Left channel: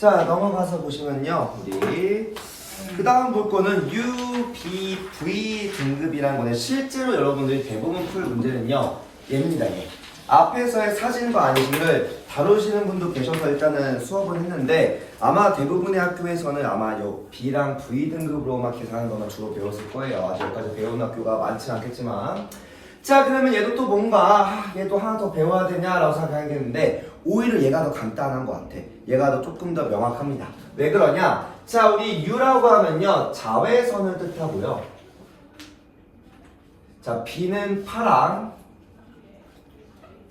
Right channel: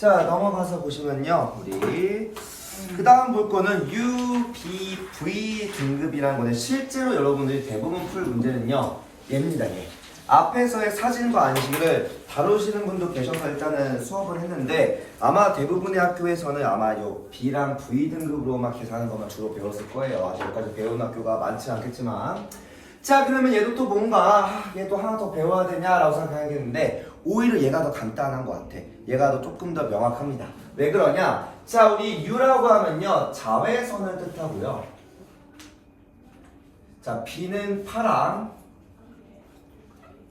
자, 넘어가서 보시면요. 우리 그 다음 볼 거는 U, B, V 등급이라는 거는 실제로 여러분들이 대부분 풀 문제는요. 얘입니다. 얘. 앞에서의 사진과 안식을 다루시는 분도 계셔서 일단은 수업을 했는데 아마 대부분의 학교에서는 아마 요 B랑 V 등급으로만 계산하는 것만 주로 배웠을 거예요. 아직 여기까지 배운 학교가 많지 않겠지만 자, 그러면 얘도 또 뭔가 얘도 하나 더 배워야 되냐라고 생각하겠는데 오히려 얘가 더 간단한 것 같아. 얘가 더 조금 더 명확합니다. 왜 그러냐? 자, 우리 U라고 하면요 자외선을 뜻하고요. 자, B는 파랑,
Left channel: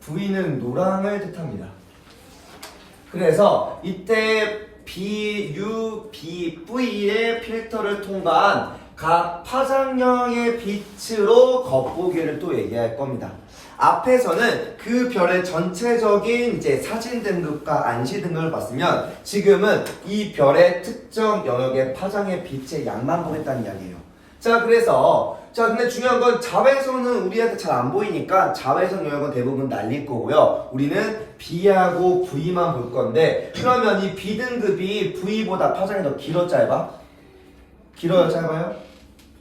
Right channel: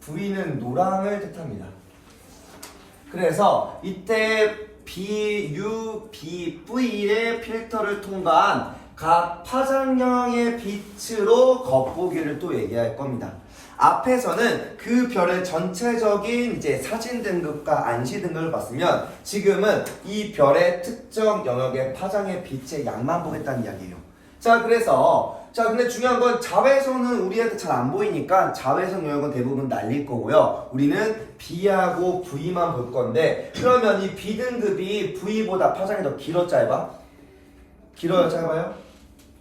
V는 노랑을 뜻합니다. 그래서 이때 B, U, B, V의 필터를 통과한 각 파장형의 빛으로 겉보기를 또 얘기할 겁니다. 앞에서는 그 별의 전체적인 이제 사진 등급과 안시 등급을 봤으면 지금은 이 별의 특정 영역의 파장의 빛의 양만 보겠다는 이야기예요. 자, 그래서 근데 중요한 건 자외선은 우리한테 잘 안 보이니까 자외선 영역은 대부분 날릴 거고요. 우리는 B하고 V만 볼 건데 그러면 이 B 등급이 V보다 파장이 더 길어 짧아? 길어요 짧아요?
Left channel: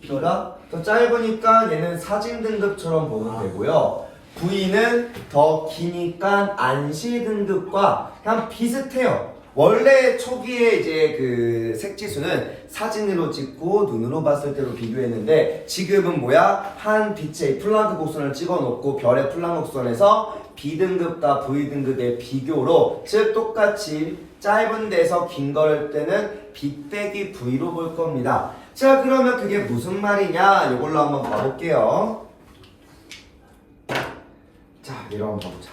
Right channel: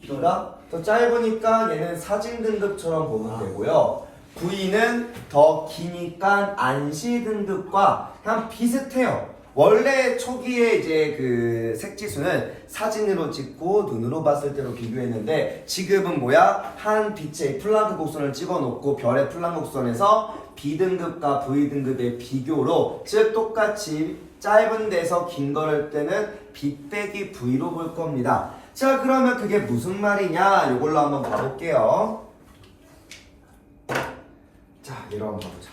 B가 더 짧으니까 얘는 사진 등급처럼 보면 되고요. V는 더 기니까 안시 등급과 그냥 비슷해요. 원래 초기에 이제 그 색지수는 사진으로 찍고 눈으로 봤을 때로 비교했는데 지금은 뭐야? 한 빛의 플라그 곡선을 찍어 놓고 별의 플라그 곡선에서 B등급과 V등급의 비교로 즉 똑같이 짧은 데서 긴 거를 때는 B 빼기 V로 볼 겁니다. 자, 그러면 그게 무슨 말이냐? 이걸로 한번 봐볼게요. 자, 이거 한번 봐보자.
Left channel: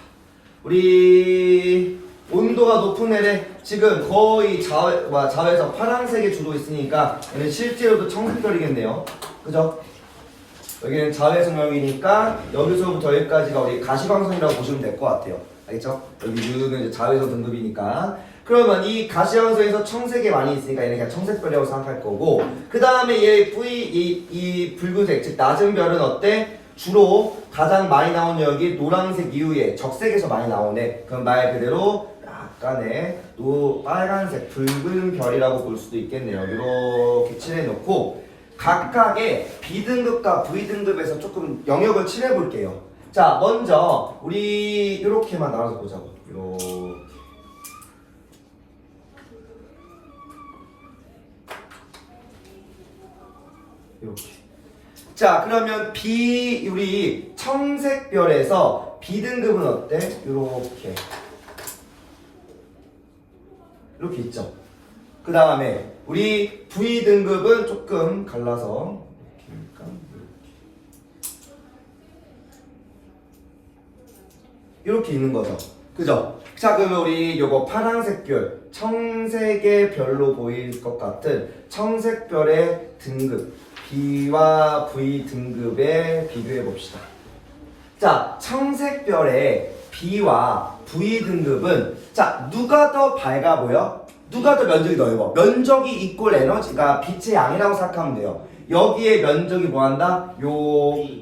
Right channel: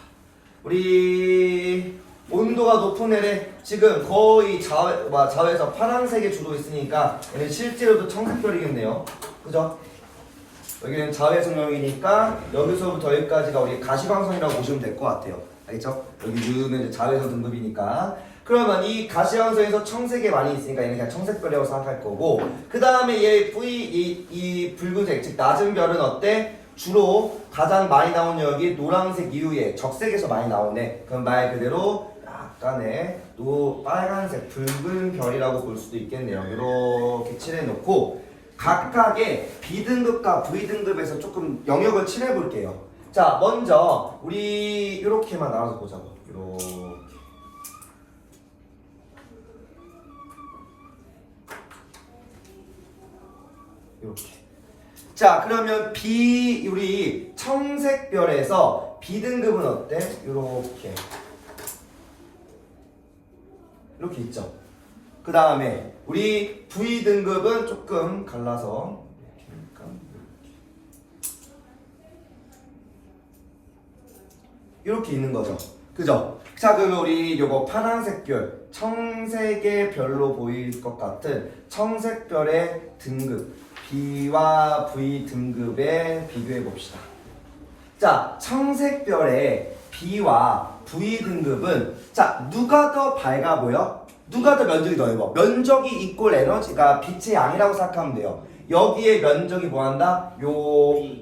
우리 온도가 높은 애래 지금 거의 자외선 파란색이 주로 있으니까 얘는 실제로도 청색별이겠네요. 그죠? 여기는 자외선 영역이니까 여기서부터 여기까지가 우리 가시광선이라고 보시면 될 것 같아요. 알겠죠? 여기 U는 이제 자외선 등급이니까 그러면 이 가시광선에서 청색이 많이 있으니까 얘는 그냥 청색별이라고 생각할 거고 그 다음에 얘 V 이 붉은색 즉 낮은 별은 어때? 주로 가장 많이 나오는 여기 노란색 이후에 적색에서 많이 나오네. 그럼 말 그대로 약간의 빨간색 붉은 별이라고 볼 수도 있겠네요. 이렇게 칠해놓고 각각의 B등급과 V등급에서 조금 영역을 칠해볼게요. 자, 먼저 우리 이렇게만 나눠서 보자고. 이렇게. 자, 그러면 우리 청색별에서 B등급은 어때? 이렇게 있죠. 그 다음에 우리 V등급은 조금 갈라서 이렇게 있는 거죠. 그죠? 자, 그러면 우리 요거 파란색 별, 청색의 별로 보일 것 같은 청색별의 등급 B와 V 등급에 비교해 봅시다. 자, 청색별의 B와 V 등급은 자, 누가 더 밝아 보여? 누가 더 면적이 넓어? 면적이 이꼴 에너지가 빛의 양이라고 생각하면 돼요. 여기에 면적이 뭐한다? 요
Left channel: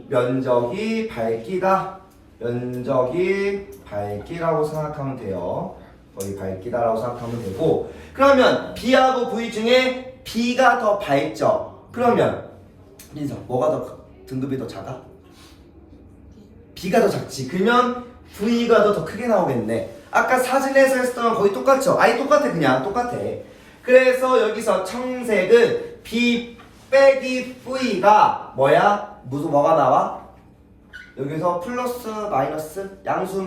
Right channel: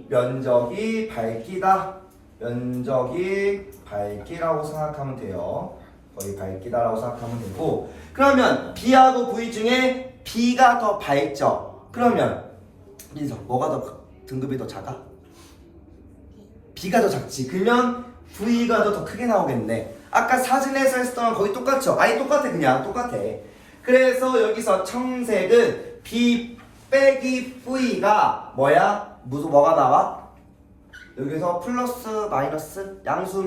면적이 밝기다. 면적이 밝기라고 생각하면 돼요. 거의 밝기다라고 생각하면 되고 그러면 B하고 V 중에 B가 더 밝죠? 그러면 민서, 뭐가 더 등급이 더 작아? B가 더 작지. 그러면 V가 더 크게 나오겠네. 아까 사진에서 했던 거의 똑같죠? 아니 똑같아. 그냥 똑같아. 그래서 여기서 청색은 B 빼기 V가 뭐야? 뭐가 나와? 여기서 플러스 마이너스 양수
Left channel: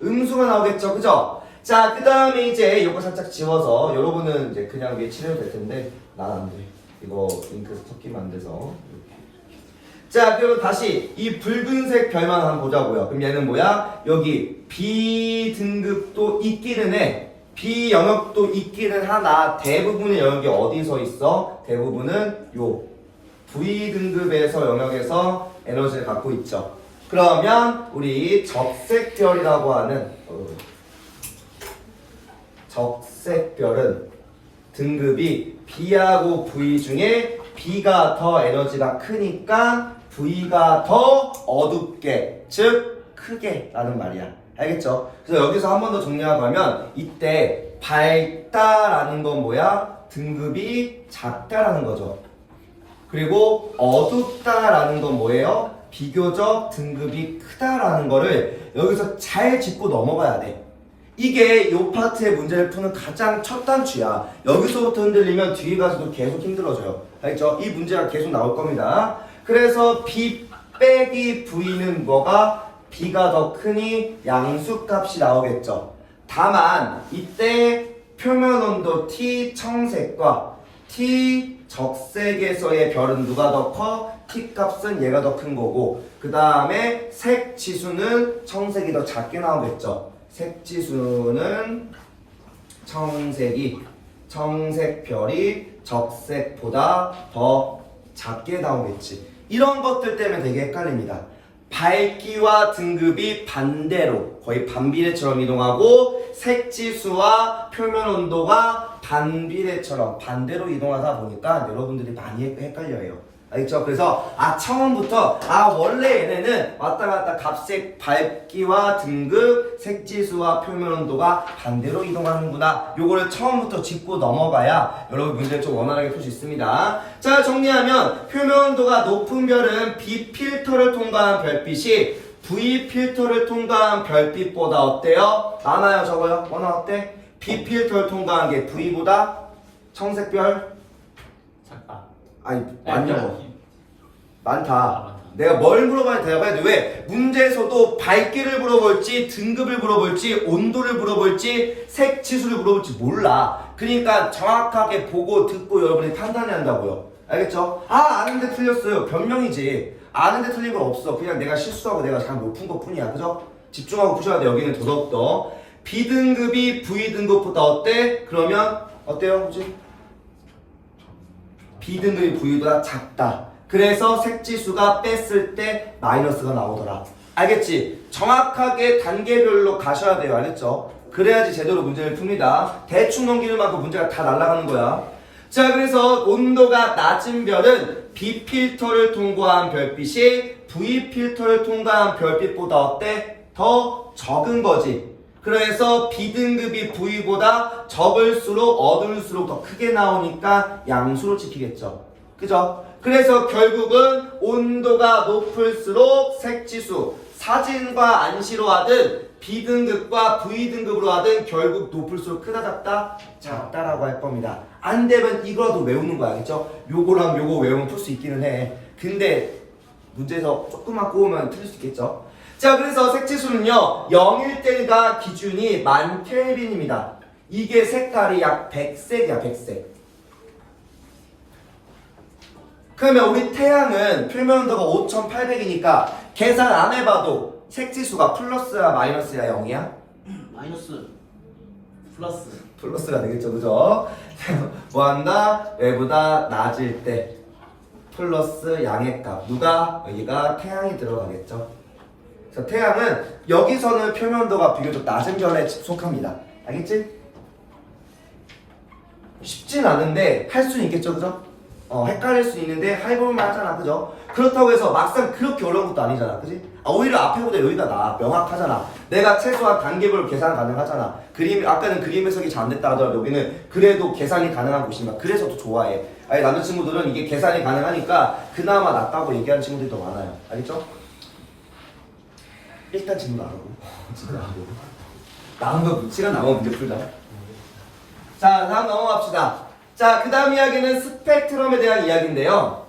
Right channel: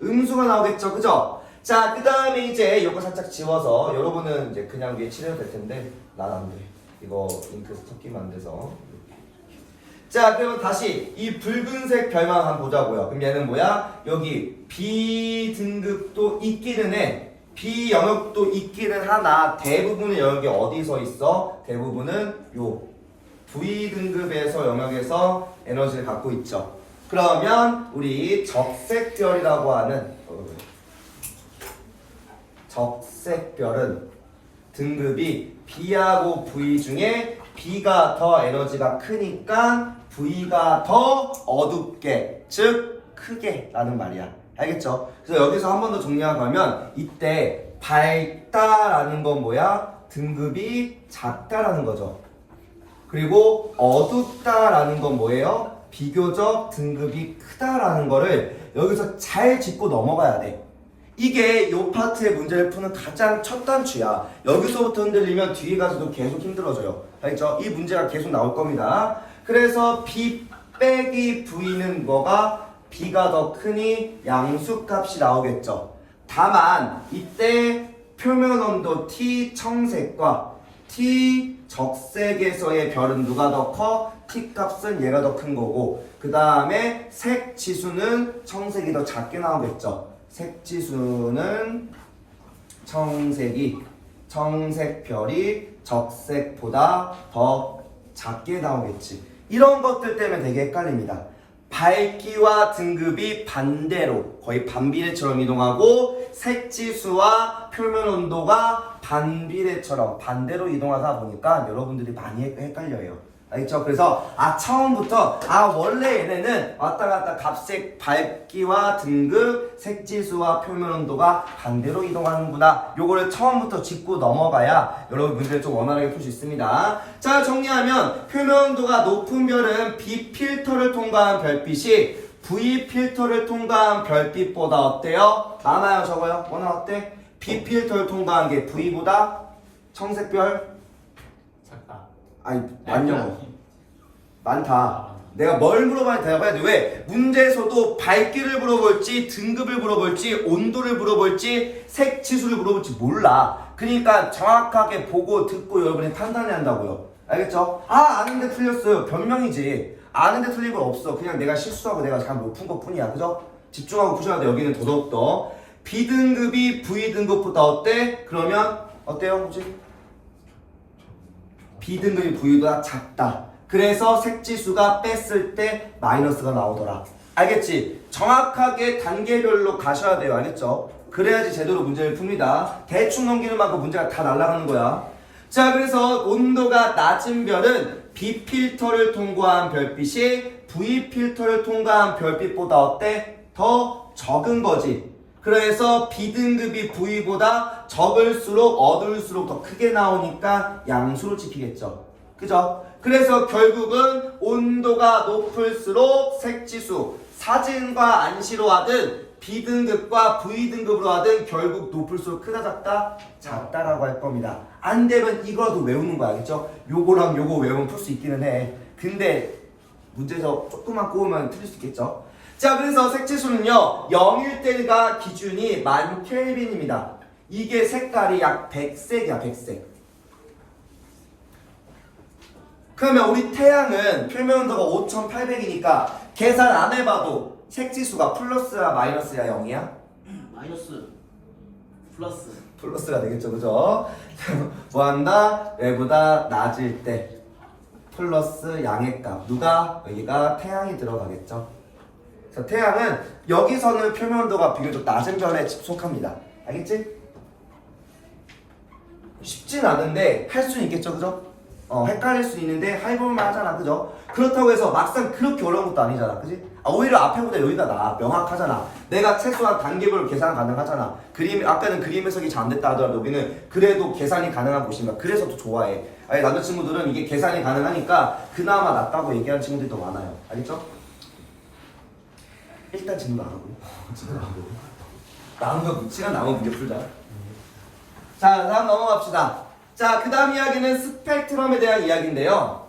음수가 나오겠죠? 그죠? 자, 그 다음에 이제 이거 살짝 지워서 여러분은 이제 그냥 위에 칠해도 될 텐데 난 안 돼. 이거 잉크 섞이면 안 돼서 이렇게. 자, 그러면 다시 이 붉은색 별만 한번 보자고요. 그럼 얘는 뭐야? 여기 B 등급도 있기는 해. B 영역도 있기는 하나 대부분의 영역이 어디서 있어? 대부분은 요 V 등급에서 영역에서 에너지를 갖고 있죠. 그러면 우리 적색별이라고 하는 적색별은 등급이 B하고 V 중에 B가 더 에너지가 크니까 V가 더 어둡게 즉 크게 라는 말이야. 알겠죠? 그래서 여기서 한 번 더 정리하고 가면 이때 밝다라는 건 뭐야? 등급이 작다라는 거죠. 그리고 어둡다라는 건 뭐예요? 비교적 등급이 크다라는 거를 여기서 잘 짚고 넘어가야 돼. 이게 이 파트의 문제를 푸는 가장 첫 단추야. 여기서부터 흔들리면 뒤에 가서도 계속 힘들어져요. 알겠죠? 이 문제가 계속 나올 겁니다. 그래서 B 빼기 V는 뭐가? B가 더 크니 양수값이 나오겠죠. 다만 이때 표면 온도 T 청색과 T 적색에서의 별은 누가 더 커? T 값은 얘가 더 큰 거고, 그 다음에 색 지수는 청색이 더 작게 나오겠죠. 색 지수는 청색 별이 적색보다 더 작게 나오겠지. 이런 것들 때문에 되게 헷갈립니다. 밝기와 등급이 반대로 거의 반비례처럼 이동하고 색지수와 표면 온도가 반비례처럼 반대로 이동하다 보니까 여러분들이 많이 헷갈려요. 알겠죠? 그래서 처음부터 원래 얘네는 왔다 갔다 값색 밝기와 등급 색지수와 표면 온도가 반대로 이동하는구나. 요거를 처음부터 짚고 넘어가야 여러분 문제를 좀 원활하게 풀 수 있습니다. 자, 정리하면 표면 온도가 높은 별은 B 필터를 통과한 별빛이 V 필터를 통과한 별빛보다 어때요? 많아요, 적어요? 뭐나 어때? B 필터를 통과한 게 V보다 청색별 아니 많다. 내가 뭘 물어봐야 대답해야 돼. 왜? 문제에서도 밝기를 물어볼지 등급을 물어볼지 온도를 물어볼지 색지수를 물어볼지 몰라. 그러니까 정확하게 보고 듣고 여러분이 판단해야 한다고요. 알겠죠? 아는데 틀렸어요. 변명이지. 아는데 틀린 건 없어. 그냥 내가 실수하고 내가 잘 못 푼 것 뿐이야. 그죠? 집중하고 푸셔야 돼. 여기는 더더욱더 B등급이 V등급보다 어때? 그러면 어때요? 그치? B등급이 V보다 작다. 그래서 색지수가 뺐을 때 마이너스가 나오더라. 알겠지? 정확하게 단계별로 가셔야 돼요. 알겠죠? 그래야지 제대로 문제를 풉니다. 대충 넘기는 만큼 문제가 다 날아가는 거야. 자, 그래서 온도가 낮은 별은 B 필터를 통과한 별빛이 V 필터를 통과한 별빛보다 어때? 더 적은 거지. 그래서 B등급이 V보다 적을수록 어두울수록 더 크게 나오니까 양수로 찍히겠죠. 그죠? 그래서 결국은 온도가 높을수록 색지수, 사진과 안시로 하든 B등급과 V등급으로 하든 결국 높을수록 크다 작다? 작다라고 할 겁니다. 안 되면 이거라도 외우는 거 알겠죠? 요거랑 요거 외우면 풀 수 있기는 해. 근데 문제에서 조금만 꼬우면 틀릴 수 있겠죠? 자, 그래서 색지수는요 0일 때가 기준이 1000켈빈입니다. 이게 색깔이 약 100색이야. 100색. 그러면 우리 태양은 표면 온도가 5800이니까 계산 안 해봐도 색지수가 플러스야 마이너스야 0이야? 마이너스 플러스가 되겠죠. 그죠? 뭐한다? 얘보다 낮을 때 플러스 양의 값. 누가? 여기가 태양이 들어가겠죠. 그래서 태양은 여기서는 표면 온도가 비교적 낮은 별에 속합니다. 알겠지? 쉽진 않은데 할 수는 있겠죠. 그죠? 헷갈릴 수 있는데 해볼만 하잖아. 그죠? 그렇다고 해서 막상 그렇게 어려운 것도 아니잖아. 그지? 오히려 앞에보다 여기가 나아. 명확하잖아. 내가 최소한 단계별로 계산 가능하잖아. 아까는 그림 해석이 잘 안 됐다 하더라도 여기는 그래도 계산이 가능한 곳이니까 그래서 더 좋아해. 아니 남자친구들은 이게 계산이 가능하니까 그나마 낫다고 얘기하는 친구들이 더 많아요. 알겠죠? 일단 질문 안 하고 진짜 남은 거 시간 남은 문제 풀자. 자, 다음 넘어갑시다. 자, 그 다음 이야기는 스펙트럼에 대한 이야기인데요.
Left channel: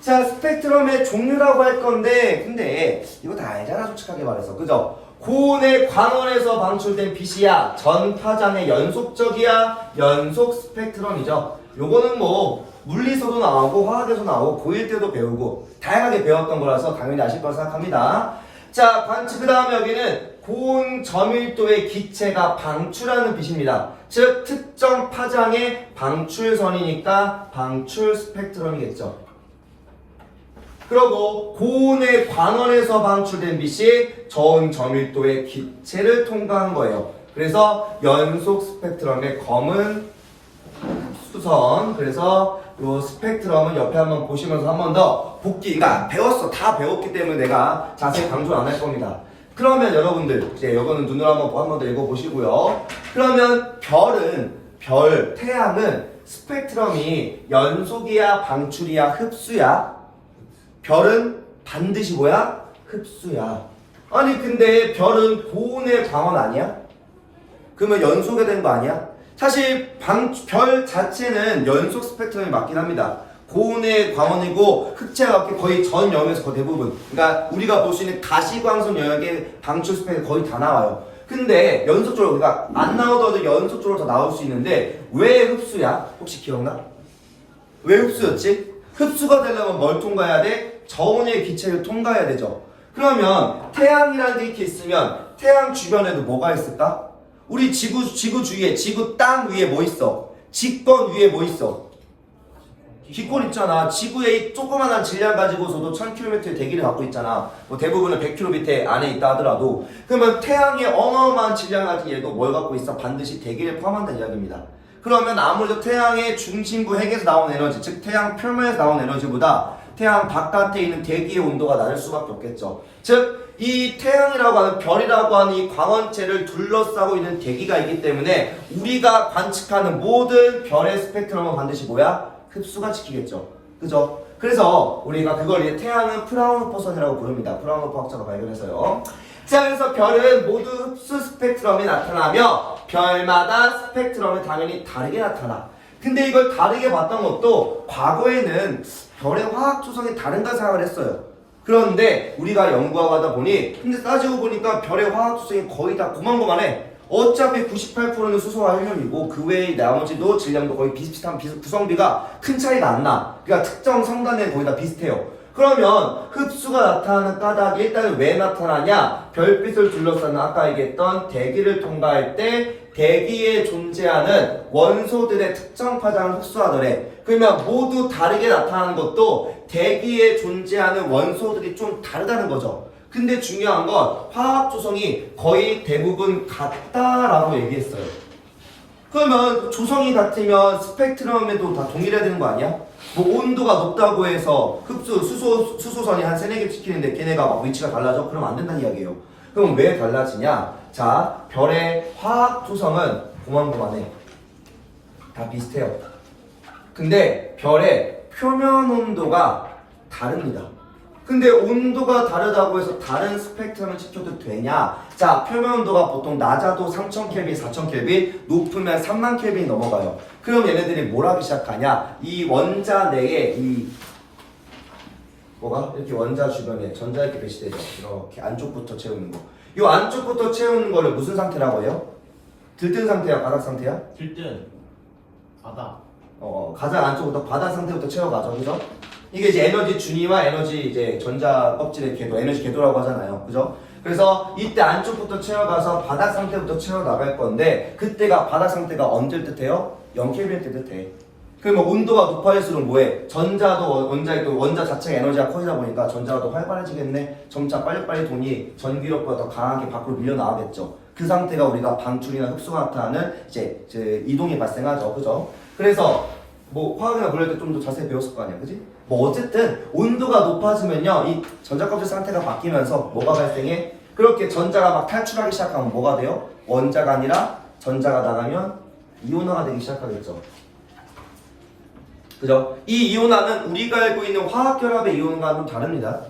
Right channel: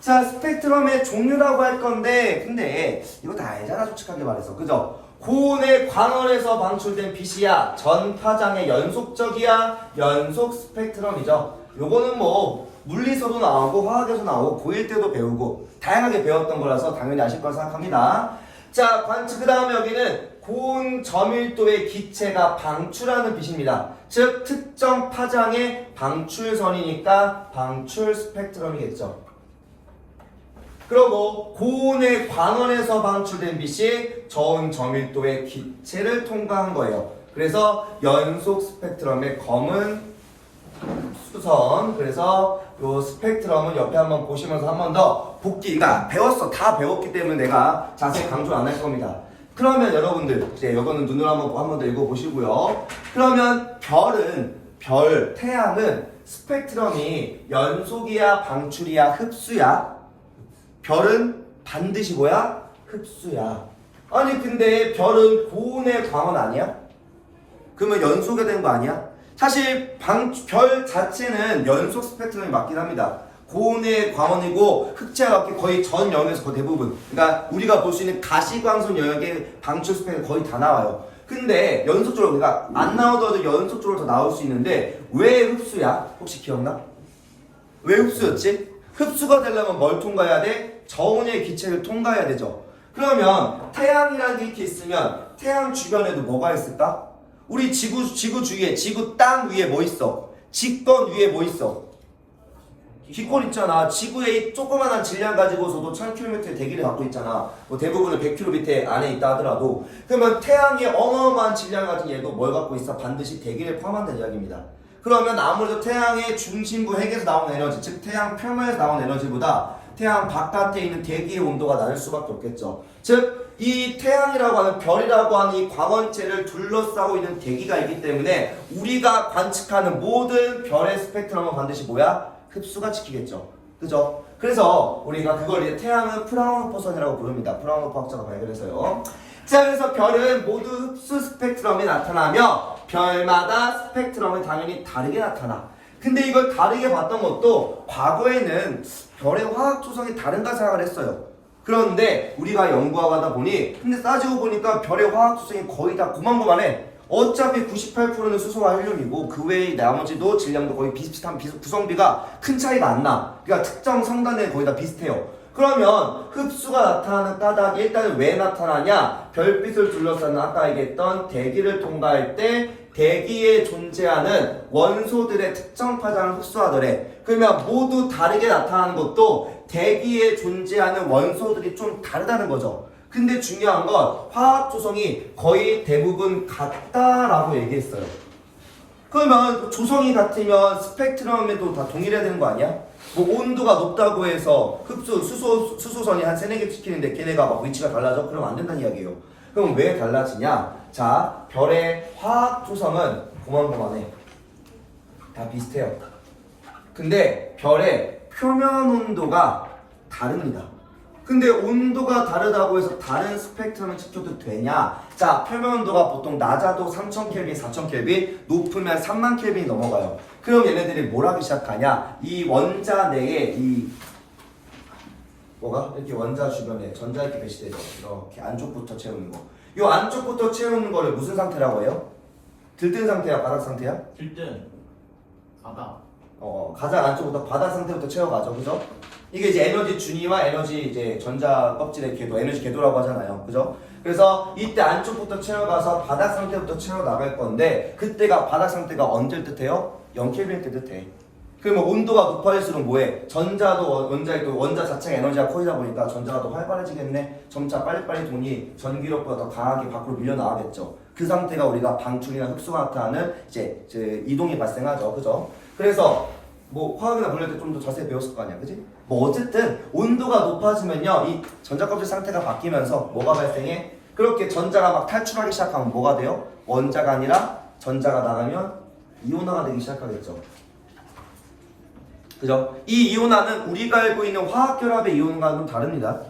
자, 스펙트럼의 종류라고 할 건데 근데 이거 다 알잖아. 솔직하게 말해서. 그죠? 고온의 광원에서 방출된 빛이야 전파장의 연속적이야 연속 스펙트럼이죠. 요거는 뭐 물리서도 나오고 화학에서 나오고 고1 때도 배우고 다양하게 배웠던 거라서 당연히 아실 거라 생각합니다. 자, 그 다음에 여기는 고온 점밀도의 기체가 방출하는 빛입니다. 즉 특정 파장의 방출선이니까 방출 스펙트럼이겠죠. 그리고 고온의 광원에서 방출된 빛이 저온 점밀도의 기체를 통과한 거예요. 그래서 연속 스펙트럼의 검은 수선. 그래서 요 스펙트럼은 옆에 한번 보시면서 한 번 더 복기. 그러니까 배웠어. 다 배웠기 때문에 내가 자세히 강조 안 할 겁니다. 그러면 여러분들 이제 이거는 눈으로 한 번 더 읽어보시고요. 그러면 태양은 스펙트럼이 연속이야, 방출이야, 흡수야? 별은 반드시 뭐야? 흡수야. 아니 근데 별은 고온의 광원 아니야? 그러면 연속이 되는 거 아니야? 사실 별 자체는 연속 스펙트럼이 맞긴 합니다. 고온의 광원이고 흑체가 거의 전 영역에서 거의 대부분, 그러니까 우리가 볼 수 있는 가시광선 영역의 방출 스펙이 거의 다 나와요. 근데 연속적으로, 그러니까 안 나오더라도 연속적으로 더 나올 수 있는데 왜 흡수야? 혹시 기억나? 왜 흡수였지? 흡수가 되려면 뭘 통과해야 돼? 저온의 기체를 통과해야 되죠. 그러면 태양이라는 게 이렇게 있으면 태양 주변에도 뭐가 있을까? 우리 지구 주위에, 지구 땅 위에 뭐 있어? 직권 위에 뭐 있어? 귓골 있잖아. 지구의 조그만한 질량 가지고서도 1000km의 대기를 갖고 있잖아. 뭐 대부분은 100km 안에 있다 하더라도. 그러면 태양의 어마어마한 질량 가진 얘도 뭘 갖고 있어? 반드시 대기를 포함한다는 이야기입니다. 그러면 아무래도 태양의 중심부 핵에서 나오는 에너지, 즉 태양 표면에서 나오는 에너지보다 태양 바깥에 있는 대기의 온도가 낮을 수밖에 없겠죠. 즉 이 태양이라고 하는, 별이라고 하는 이 광원체를 둘러싸고 있는 대기가 있기 때문에 우리가 관측하는 모든 별의 스펙트럼은 반드시 뭐야? 흡수가 지키겠죠. 그죠? 그래서 우리가 그걸 이제 태양은 프라운호퍼선이라고 부릅니다. 프라운호퍼 학자가 발견해서요. 자, 그래서 별은 모두 흡수 스펙트럼이 나타나며 별마다 스펙트럼은 당연히 다르게 나타나. 근데 이걸 다르게 봤던 것도 과거에는 별의 화학 조성이 다른가 생각을 했어요. 그런데 우리가 연구하고 하다 보니, 근데 따지고 보니까 별의 화학 조성이 거의 다 고만고만해. 어차피 98%는 수소와 헬륨이고 그 외의 나머지도 질량도 거의 비슷비슷한 구성비가 큰 차이가 안 나. 그러니까 특정 성단에 거의 다 비슷해요. 그러면 흡수가 나타나는 까닭이 일단은 왜 나타나냐? 별빛을 둘러싸는 아까 얘기했던 대기를 통과할 때 대기에 존재하는 원소들의 특정 파장을 흡수하더래. 그러면 모두 다르게 나타나는 것도 대기에 존재하는 원소들이 좀 다르다는 거죠. 근데 중요한 건 화학 조성이 거의 대부분 같다라고 얘기했어요. 그러면 조성이 같으면 스펙트럼에도 다 동일해야 되는 거 아니야? 뭐 온도가 높다고 해서 수소선이 한 3-4개 시키는데 걔네가 막 위치가 달라져? 그럼 안 된다는 이야기예요. 그럼 왜 달라지냐? 자, 별의 화학 조성은 고만고만해. 다 비슷해요. 근데 별의 표면 온도가 다릅니다. 근데 온도가 다르다고 해서 다른 스펙트럼을 지켜도 되냐? 자, 표면 온도가 보통 낮아도 3000켈빈, 4000켈빈, 높으면 30,000켈빈이 넘어가요. 그럼 얘네들이 뭘 하기 시작하냐? 이 원자 내에 이렇게 원자 주변에 전자 이렇게 배치되죠. 이렇게 안쪽부터 채우는 거. 이 안쪽부터 채우는 거를 무슨 상태라고 해요? 들뜬 상태야, 바닥 상태야? 들뜬 바닥. 가장 안쪽부터 바닥 상태부터 채워가죠, 그죠? 이게 이제 에너지 준위와 에너지 이제 전자 껍질의 궤도, 에너지 궤도라고 하잖아요, 그죠? 그래서 이때 안쪽부터 채워가서 바닥 상태부터 채워 나갈 건데, 그때가 바닥 상태가 언제를 뜻해요? 0켈빈 때 뜻해. 그러면 온도가 높아질수록 뭐해? 원자 자체가 에너지가 커지다 보니까 전자가 더 활발해지겠네. 점차 빨리빨리 돈이 전기력보다 더 강하게 밖으로 밀려나가겠죠. 그 상태가 우리가 방출이나 흡수가 나타나는 이제 이동이 발생하죠, 그죠? 그래서 뭐 화학이나 물릴 때 좀 더 자세히 배웠을 거 아니야, 그지? 뭐 어쨌든 온도가 높아지면요, 이 전자껍질 상태가 바뀌면서 뭐가 발생해? 그렇게 전자가 막 탈출하기 시작하면 뭐가 돼요? 원자가 아니라 전자가 나가면 이온화가 되기 시작하겠죠. 그죠? 이 이온화는 우리가 알고 있는 화학결합의 이온과는 좀 다릅니다.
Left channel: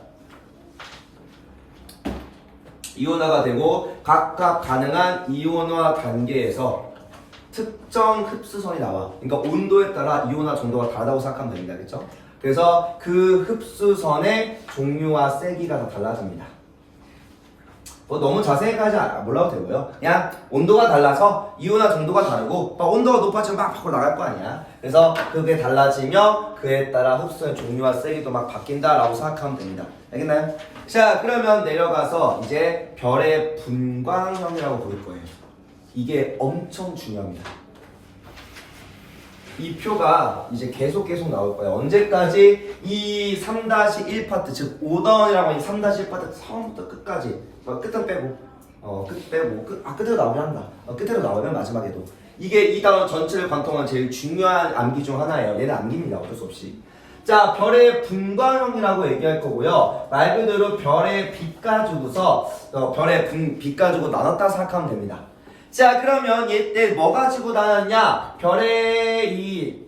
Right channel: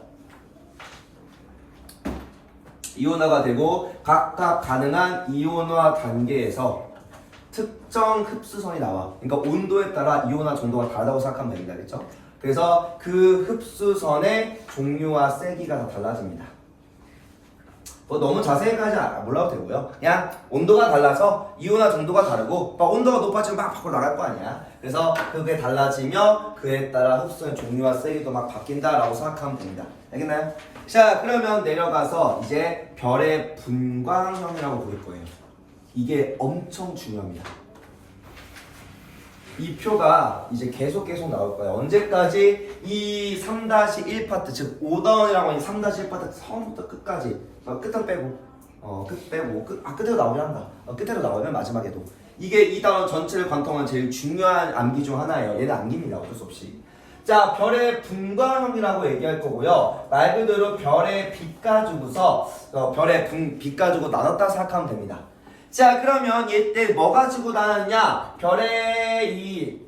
이온화가 되고 각각 가능한 이온화 단계에서 특정 흡수선이 나와. 그러니까 온도에 따라 이온화 정도가 다르다고 생각하면 됩니다. 그렇죠? 그래서 그 흡수선의 종류와 세기가 다 달라집니다. 뭐 너무 자세히까지 몰라도 되고요. 그냥 온도가 달라서 이온화 정도가 다르고 막 온도가 높아지면 막 밖으로 나갈 거 아니야. 그래서 그게 달라지며 그에 따라 흡수의 종류와 세기도 막 바뀐다라고 생각하면 됩니다. 알겠나요? 자, 그러면 내려가서 이제 별의 분광형이라고 부를 거예요. 이게 엄청 중요합니다. 이 표가 이제 계속 나올 거예요. 언제까지? 이 3-1 파트, 즉 5단이라고 하는 3-1 파트 처음부터 끝까지, 끝은 빼고, 끝으로 나오긴 한다. 끝으로 나오면 마지막에도. 이게 이 단원 전체를 관통한 제일 중요한 암기 중 하나예요. 얘는 암기입니다. 어쩔 수 없이. 자, 별의 분광형이라고 얘기할 거고요. 말 그대로 별의 빛 가지고서 별의 빛 가지고 나눴다 생각하면 됩니다. 자, 그러면 얘때 뭐 가지고 나눴냐? 별의 이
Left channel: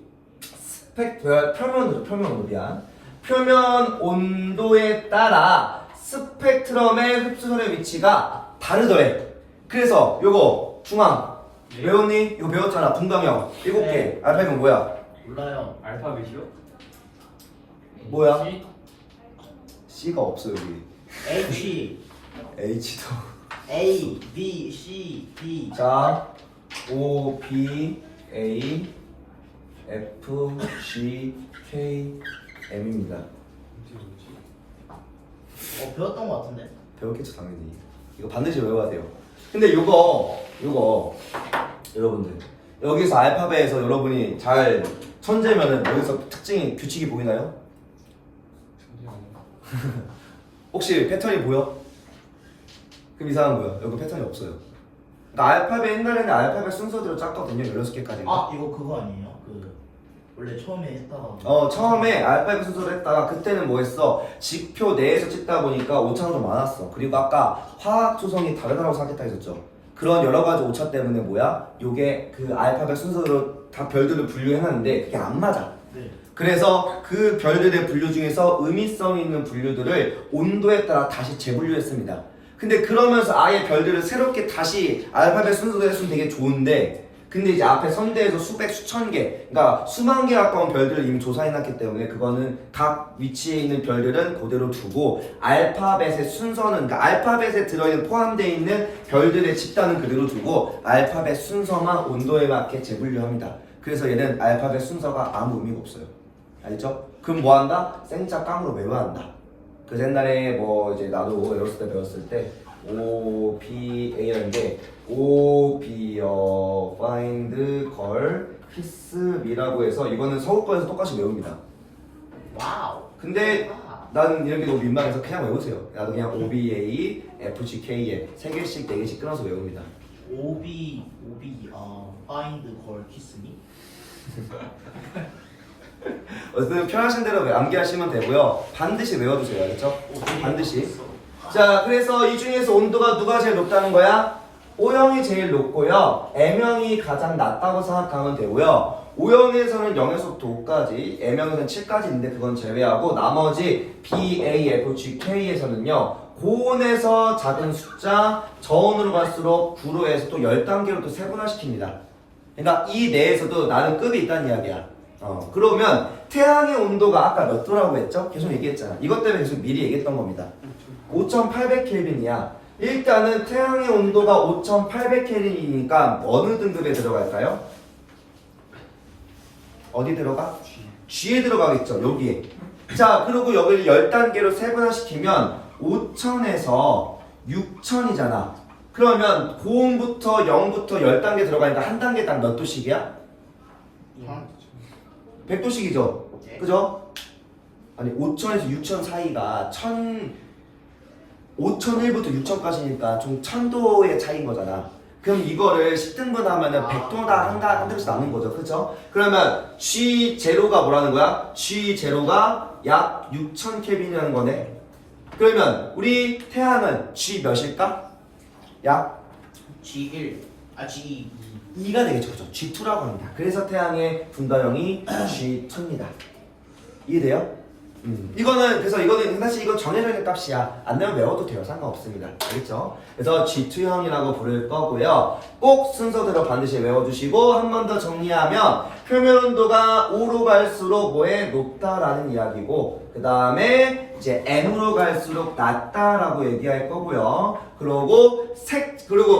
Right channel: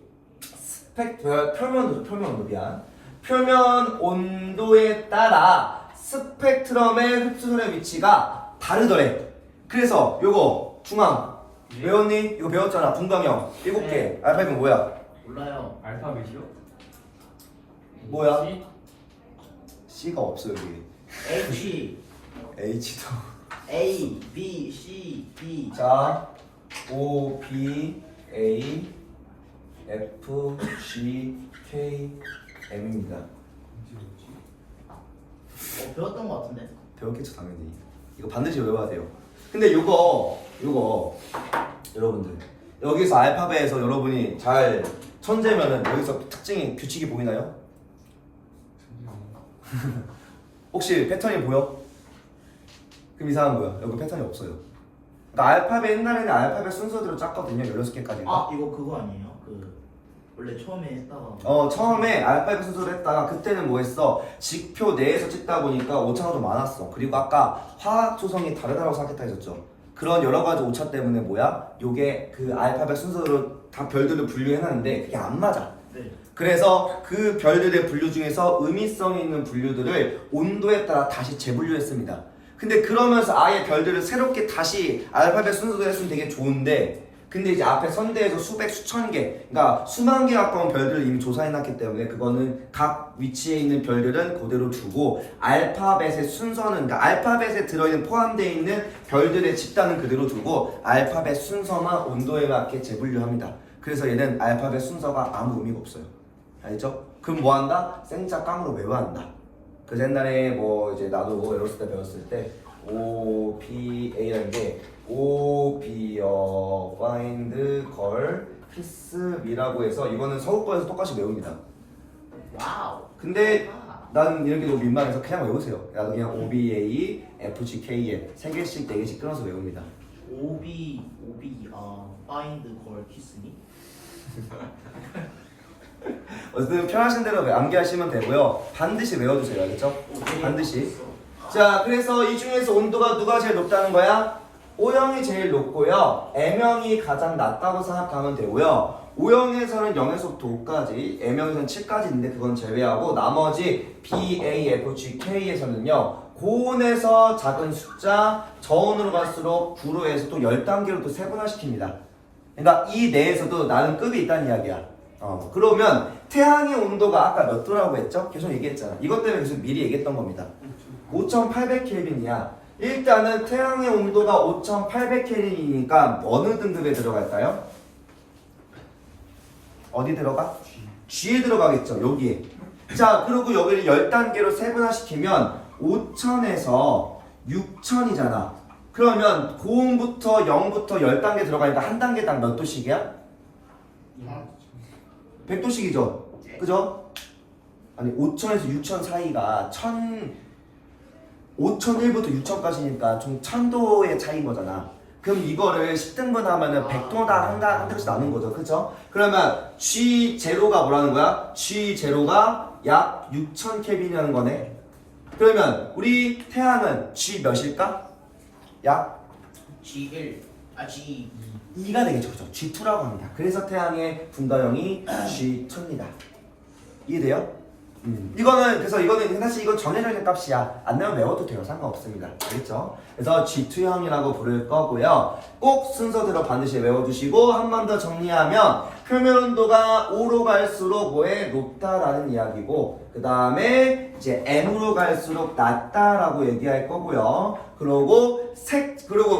표면 온도에 따라 스펙트럼의 흡수선의 위치가 다르더래. 그래서 요거 중앙 외웠니? 이거 배웠잖아. 분광형 7개. 네. 알파벳은 뭐야? 몰라요. 알파벳이요? 뭐야? C가 없어 여기. H, H도. A, B, C, D. 자, O, B, A, F, G, K, M입니다. 배웠던 것 같은데? 배웠겠죠 당연히. 이거 반드시 외워야 돼요. 근데 요거 여러분들 여기서 알파벳에서 여러분이 잘 천재면은 여기서 특징이 규칙이 보이나요? 혹시 패턴이 보여? 그럼 이상한 거야. 여기 패턴이 없어요. 그러니까 알파벳 옛날에는 알파벳 순서대로 짰거든요. 16개까지인가? 아, 이거 그거 아니에요? 원래 처음에 했다가. 처음에 알파벳 순서로 했다가 그때는 뭐 했어? 직표 내에서 찍다 보니까 오차가 좀 많았어. 그리고 아까 화학 조성이 다르다고 생각했다 했었죠. 그런 여러 가지 오차 때문에 뭐야? 요게 그 알파벳 순서로 다 별들을 분류해놨는데 그게 안 맞아. 네. 그래서 그 별들의 분류 중에서 의미성 있는 분류들을 온도에 따라 다시 재분류했습니다. 근데 그러면서 아예 별들을 새롭게 다시 알파벳 순서대로 했으면 되게 좋은데 근데 이제 앞에 선대에서 수백 수천 개 그러니까 수만 개 가까운 별들을 이미 조사해놨기 때문에 그거는 각 위치에 있는 별들은 그대로 두고 알파벳의 순서는 그러니까 알파벳에 들어있는 포함되어 있는 별들의 집단은 그대로 두고 알파벳 순서만 온도에 맞게 재분류합니다. 그래서 얘는 알파벳 순서가 아무 의미가 없어요. 알죠? 그럼 뭐 한다? 생자 깡으로 외워야 한다. 그래서 옛날에 뭐 이제 나도 외웠을 때 배웠을 때 O, P, A라는 게 O, B, find, girl, kiss, me라고 해서 이거는 서울권에서 똑같이 외웁니다. 와우. 근데 나는 이런 게 너무 민망해서 그냥 외우세요. 나도 그냥 O, B, A, F, G, K에 3개씩 4개씩 끊어서 외웁니다. 오비, find, call, kiss me. 어쨌든 편하신 대로 암기하시면 되고요. 반드시 외워주세요. 알겠죠? 반드시. 자, 그래서 이 중에서 온도가 누가 제일 높다는 거야? O형이 제일 높고요. M형이 가장 낮다고 생각하면 되고요. O형에서는 0에서부터 5까지, M형에서는 7까지 있는데 그건 제외하고 나머지 B, A, F, G, K에서는요. 고온에서 작은 숫자, 저온으로 갈수록 9로 해서 또 10단계로 또 세분화시킵니다. 그러니까 이 내에서도 나는 급이 있다는 이야기야. 그러면 태양의 온도가 아까 몇 도라고 했죠? 계속 얘기했잖아. 이것 때문에 계속 미리 얘기했던 겁니다. 5800켈빈이야. 일단은 태양의 온도가 5800켈빈이니까 어느 등급에 들어갈까요? 어디 들어가? G에 들어가겠죠. 여기에. 자, 그리고 여기를 10단계로 세분화시키면 5000에서 6000이잖아. 그러면 고온부터 0부터 10단계 들어가니까 한 단계당 몇 도씩이야? 100도씩이죠. 그죠? 아니 5000에서 6000 사이가 5001부터 6000까지니까 총 1000도의 차이인 거잖아. 그럼 이거를 10등분 하면은 100도당 한 등씩 나눈 거죠. 그쵸? 그러면 G0가 뭐라는 거야? G0가 약 6000켈빈이라는 거네. 그러면 우리 태양은 G 몇일까? 약 G1, G2. 2가 되겠죠. 그죠? G2라고 합니다. 그래서 태양의 분다형이 G2입니다. 이해돼요? 이거는 그래서 이거는 사실 이건 정해져 있는 값이야. 안 내면 외워도 돼요. 상관없습니다. 알겠죠? 그래서 G2형이라고 부를 거고요. 꼭 순서대로 반드시 외워주시고 한 번 더 정리하면 표면 온도가 5로 갈수록 뭐에 높다라는 이야기고 그 다음에 이제 M으로 갈수록 낮다라고 얘기할 거고요. 그리고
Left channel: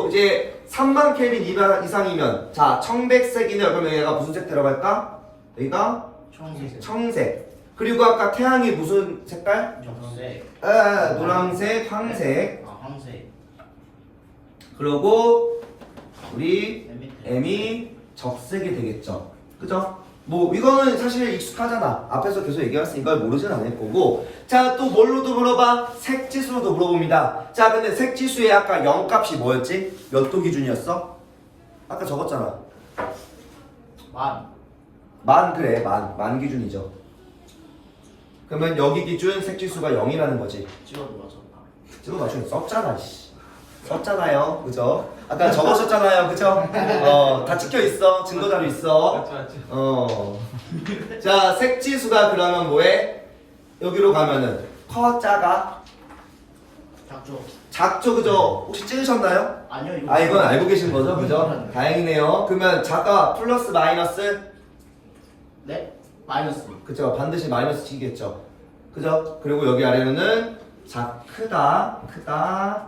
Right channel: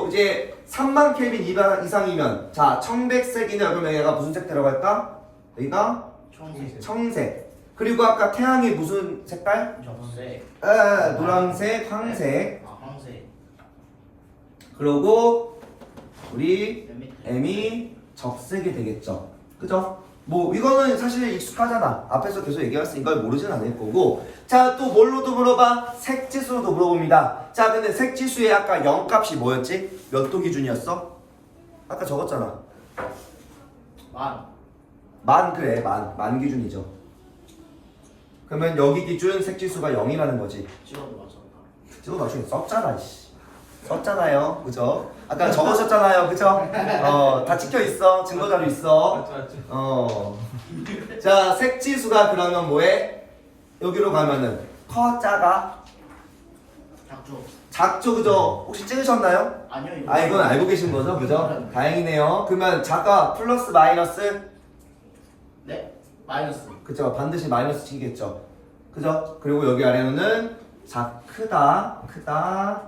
이제 30,000 켈빈 이상이면 자 청백색이네. 그러면 얘가 무슨 색 들어갈까? 여기가 청색. 그리고 아까 태양이 무슨 색깔? 적색. 노란색, 황색. 황색. 그리고 우리 M이 적색이 되겠죠. 그죠? 뭐 이거는 사실 익숙하잖아. 앞에서 계속 얘기했으니까 이걸 모르진 않을 거고. 자, 또 뭘로도 물어봐? 색지수로도 물어봅니다. 자, 근데 색지수의 아까 0값이 뭐였지? 몇 도 기준이었어? 아까 적었잖아. 만. 만. 그래, 만 기준이죠. 그러면 여기 기준 색지수가 0이라는 거지. 찍어도 맞았다. 지금 나중에 썼잖아, 씨. 썼잖아요, 그죠? 아까 적으셨잖아요, 그죠? 다 찍혀 있어, 증거 자료 있어. 맞지. 자, 색지수가 그러면 뭐해? 여기로 가면은 커, 작아, 작죠. 작죠, 그죠? 혹시 찍으셨나요? 아니요 이거. 아, 이건 알고 계신 거죠, 그죠? 다행이네요. 그러면 작아, 플러스, 마이너스, 네. 마이너스. 그죠? 반드시 마이너스 치겠죠, 그죠? 그리고 여기 아래는 크다, 크다.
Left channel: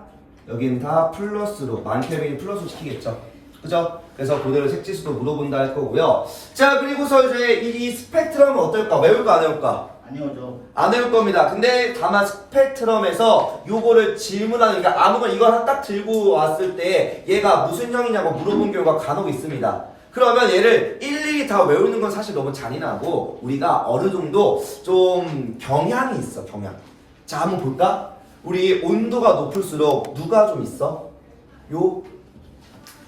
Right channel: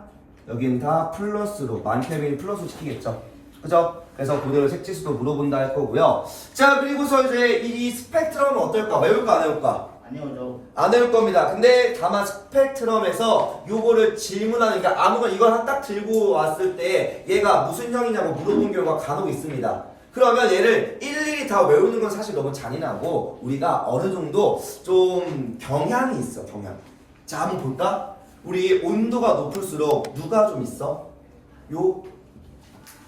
여긴 다 플러스로 만케빈이 플러스로 시키겠죠, 그죠? 그래서 그대로 색지수도 물어본다 할 거고요. 자, 그리고서 이제 이 스펙트럼은 어떨까? 외울까 안 외울까? 아니요 안 외울 겁니다. 근데 다만 스펙트럼에서 요거를 질문하는, 그러니까 아무거나 이거 하나 딱 들고 왔을 때 얘가 무슨 형이냐고 물어본 경우가 간혹 있습니다. 그러면 얘를 일일이 다 외우는 건 사실 너무 잔인하고 우리가 어느 정도 좀 경향이 있어, 경향. 자, 한번 볼까? 우리 온도가 높을수록 누가 좀 있어? 요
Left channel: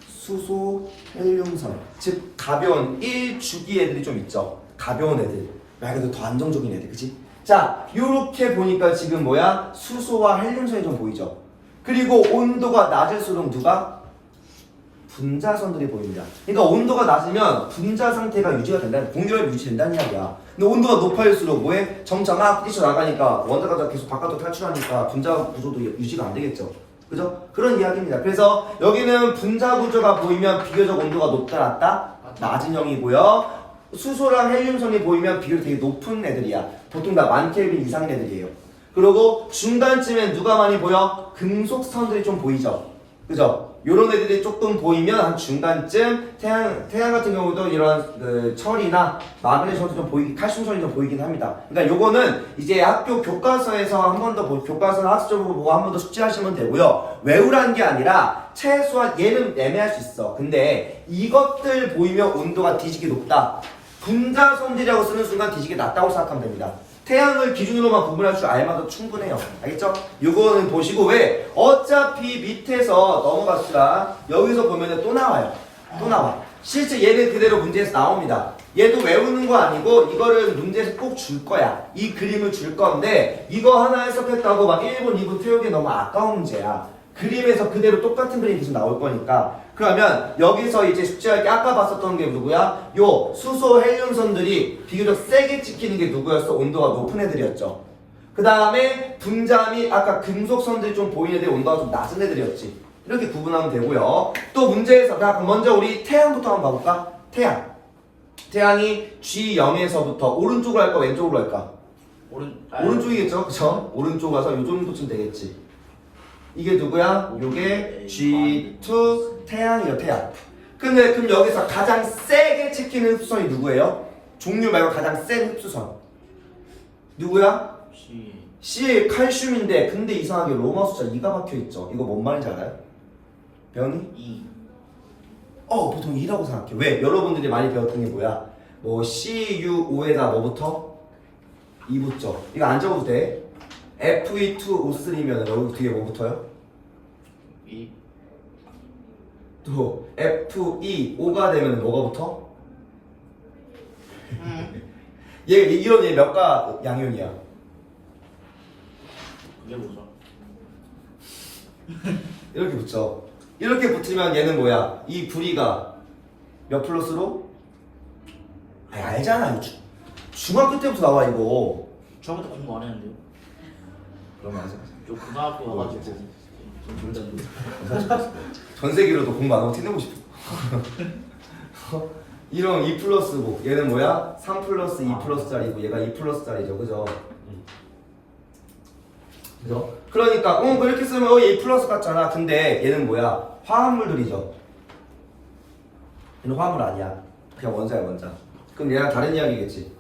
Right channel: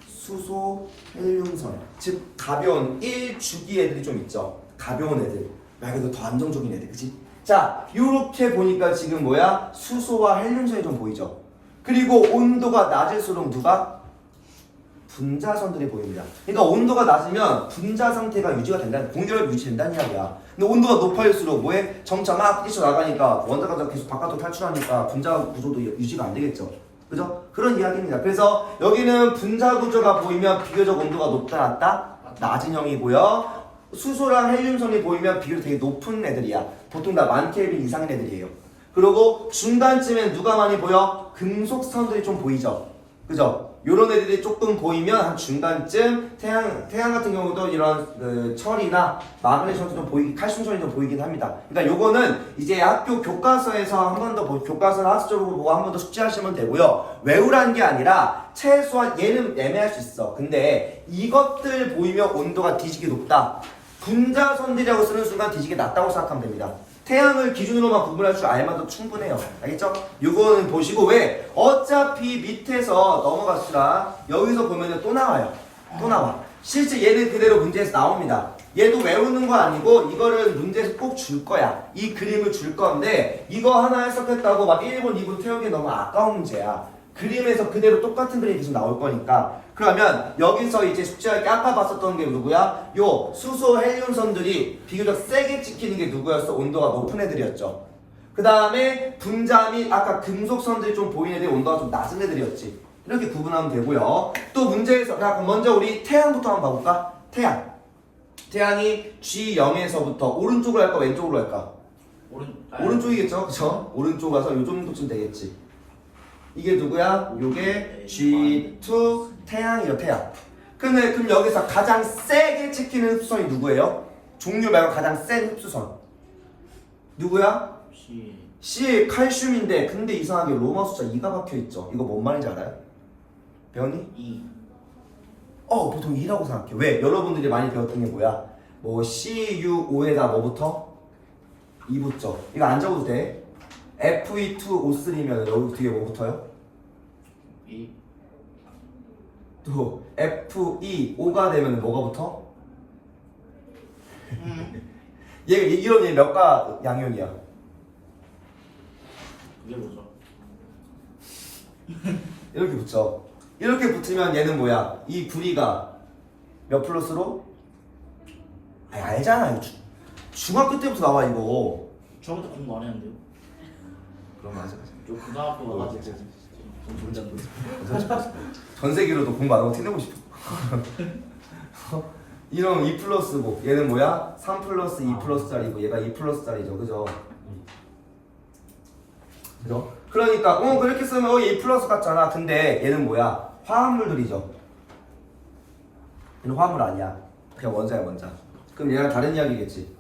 수소 헬륨선, 즉 가벼운 1주기 애들이 좀 있죠. 가벼운 애들, 말 그대로 더 안정적인 애들, 그치? 자, 요렇게 보니까 지금 뭐야? 수소와 헬륨선이 좀 보이죠. 그리고 온도가 낮을수록 누가? 분자선들이 보입니다. 그러니까 온도가 낮으면 분자 상태가 유지가 된다는, 공유력이 유지된다는 이야기야. 근데 온도가 높아질수록 뭐해? 점차 막 뛰쳐나가니까 원자가 계속 바깥으로 탈출하니까 분자 구조도 유지가 안 되겠죠. 그죠? 그런 이야기입니다. 그래서 여기는 분자 구조가 보이면 비교적 온도가 높다 낮다? 낮은 형이고요. 수소랑 헬륨선이 보이면 비교적 되게 높은 애들이야. 보통 다 만켈빈 이상인 애들이에요. 그리고 중간쯤엔 누가 많이 보여? 금속선들이 좀 보이죠. 그죠? 요런 애들이 조금 보이면 한 중간쯤 태양 같은 경우도 이런 그 철이나 마그네슘도 좀 보이기, 칼슘선이 좀 보이긴 합니다. 그러니까 요거는 이제 학교 교과서에서 한 번 더 교과서나 학습적으로 보고 한 번 더 숙지하시면 되고요. 외우란 게 아니라 최소한 얘는 애매할 수 있어. 근데 이것들 보이면 온도가 뒤지게 높다. 분자선들이라고 쓰는 순간 뒤지게 낮다고 생각하면 됩니다. 태양을 기준으로만 구분할 줄 알만도 충분해요. 알겠죠? 요거는 보시고, 왜? 어차피 밑에서 넘어갑시다. 여기서 보면은 또 나와요. 또 나와. 실제 얘는 그대로 문제에서 나옵니다. 얘도 외우는 거 아니고 이거를 문제에서 꼭 줄 거야. 이 그림을 줄 건데 이거 하나 해석했다고 막 1분, 2분 태우기 너무 아까운 문제야. 그림에서 그대로 똑같은 그림이 계속 나올 거니까. 그러면 여기서 이제 숙제할 게 아까 봤었던 게 누구야? 요 수소 헬륨선들이 비교적 세게 찍히는 게 누구였어? 온도가 높은 애들이었죠. 그 다음에 분자 및 아까 금속선들이 좀 보이는 애들이 온도가 좀 낮은 애들이었지. 이렇게 구분하면 되고요. 또 문제에서 그럼 먼저 우리 태양부터 한번 봐볼까? 태양이 G0에서부터 오른쪽으로 할까 왼쪽으로 할까? 오른쪽이겠죠? 그쵸? 오른쪽 가서 요 정도쯤 되겠지. 이게 누구야? 요게 G2 태양이요, 태양. 근데 그럼 여기서 가장 세게 찍히는 흡수선이 누구예요? 종류 말고 가장 센 흡수선 누구야? C 칼슘인데, 근데 이상하게 로마 숫자 2가 박혀있죠. 이거 뭔 말인지 알아요? 배웠니? 2. 보통 2라고 생각해. 왜? 여러분들이 많이 배웠던 게 뭐야? 뭐 CuO에다 뭐부터? 2 붙죠. 이거 안 적어도 돼. Fe2O3면 여기 뒤에 뭐 붙어요? 2. 또 Fe5가 되면 뭐가 붙어? 이런 얘 몇가 양형이야? 그게 뭐죠? 이렇게 붙죠. 이렇게 붙으면 얘는 뭐야? 이 구리가 몇 플러스로? 아니, 알잖아. 이거 중학교 때부터 나와 이거. 중학교 때 공부 안 했는데요? 그럼 맞아. 저 고등학교 맞아. 전 존재 안 돼. 전 세계로도 공부 안 하고 티내고 싶어. 이런 2 플러스 뭐 얘는 뭐야? 3 플러스 2 플러스짜리고 얘가 2 플러스짜리죠, 그죠? 그죠? 그러니까 그렇게 쓰면 얘 2 플러스 같잖아. 근데 얘는 뭐야? 화합물들이죠. 얘는 화합물 아니야. 그냥 원자야, 원자. 그럼 얘랑 다른 이야기겠지.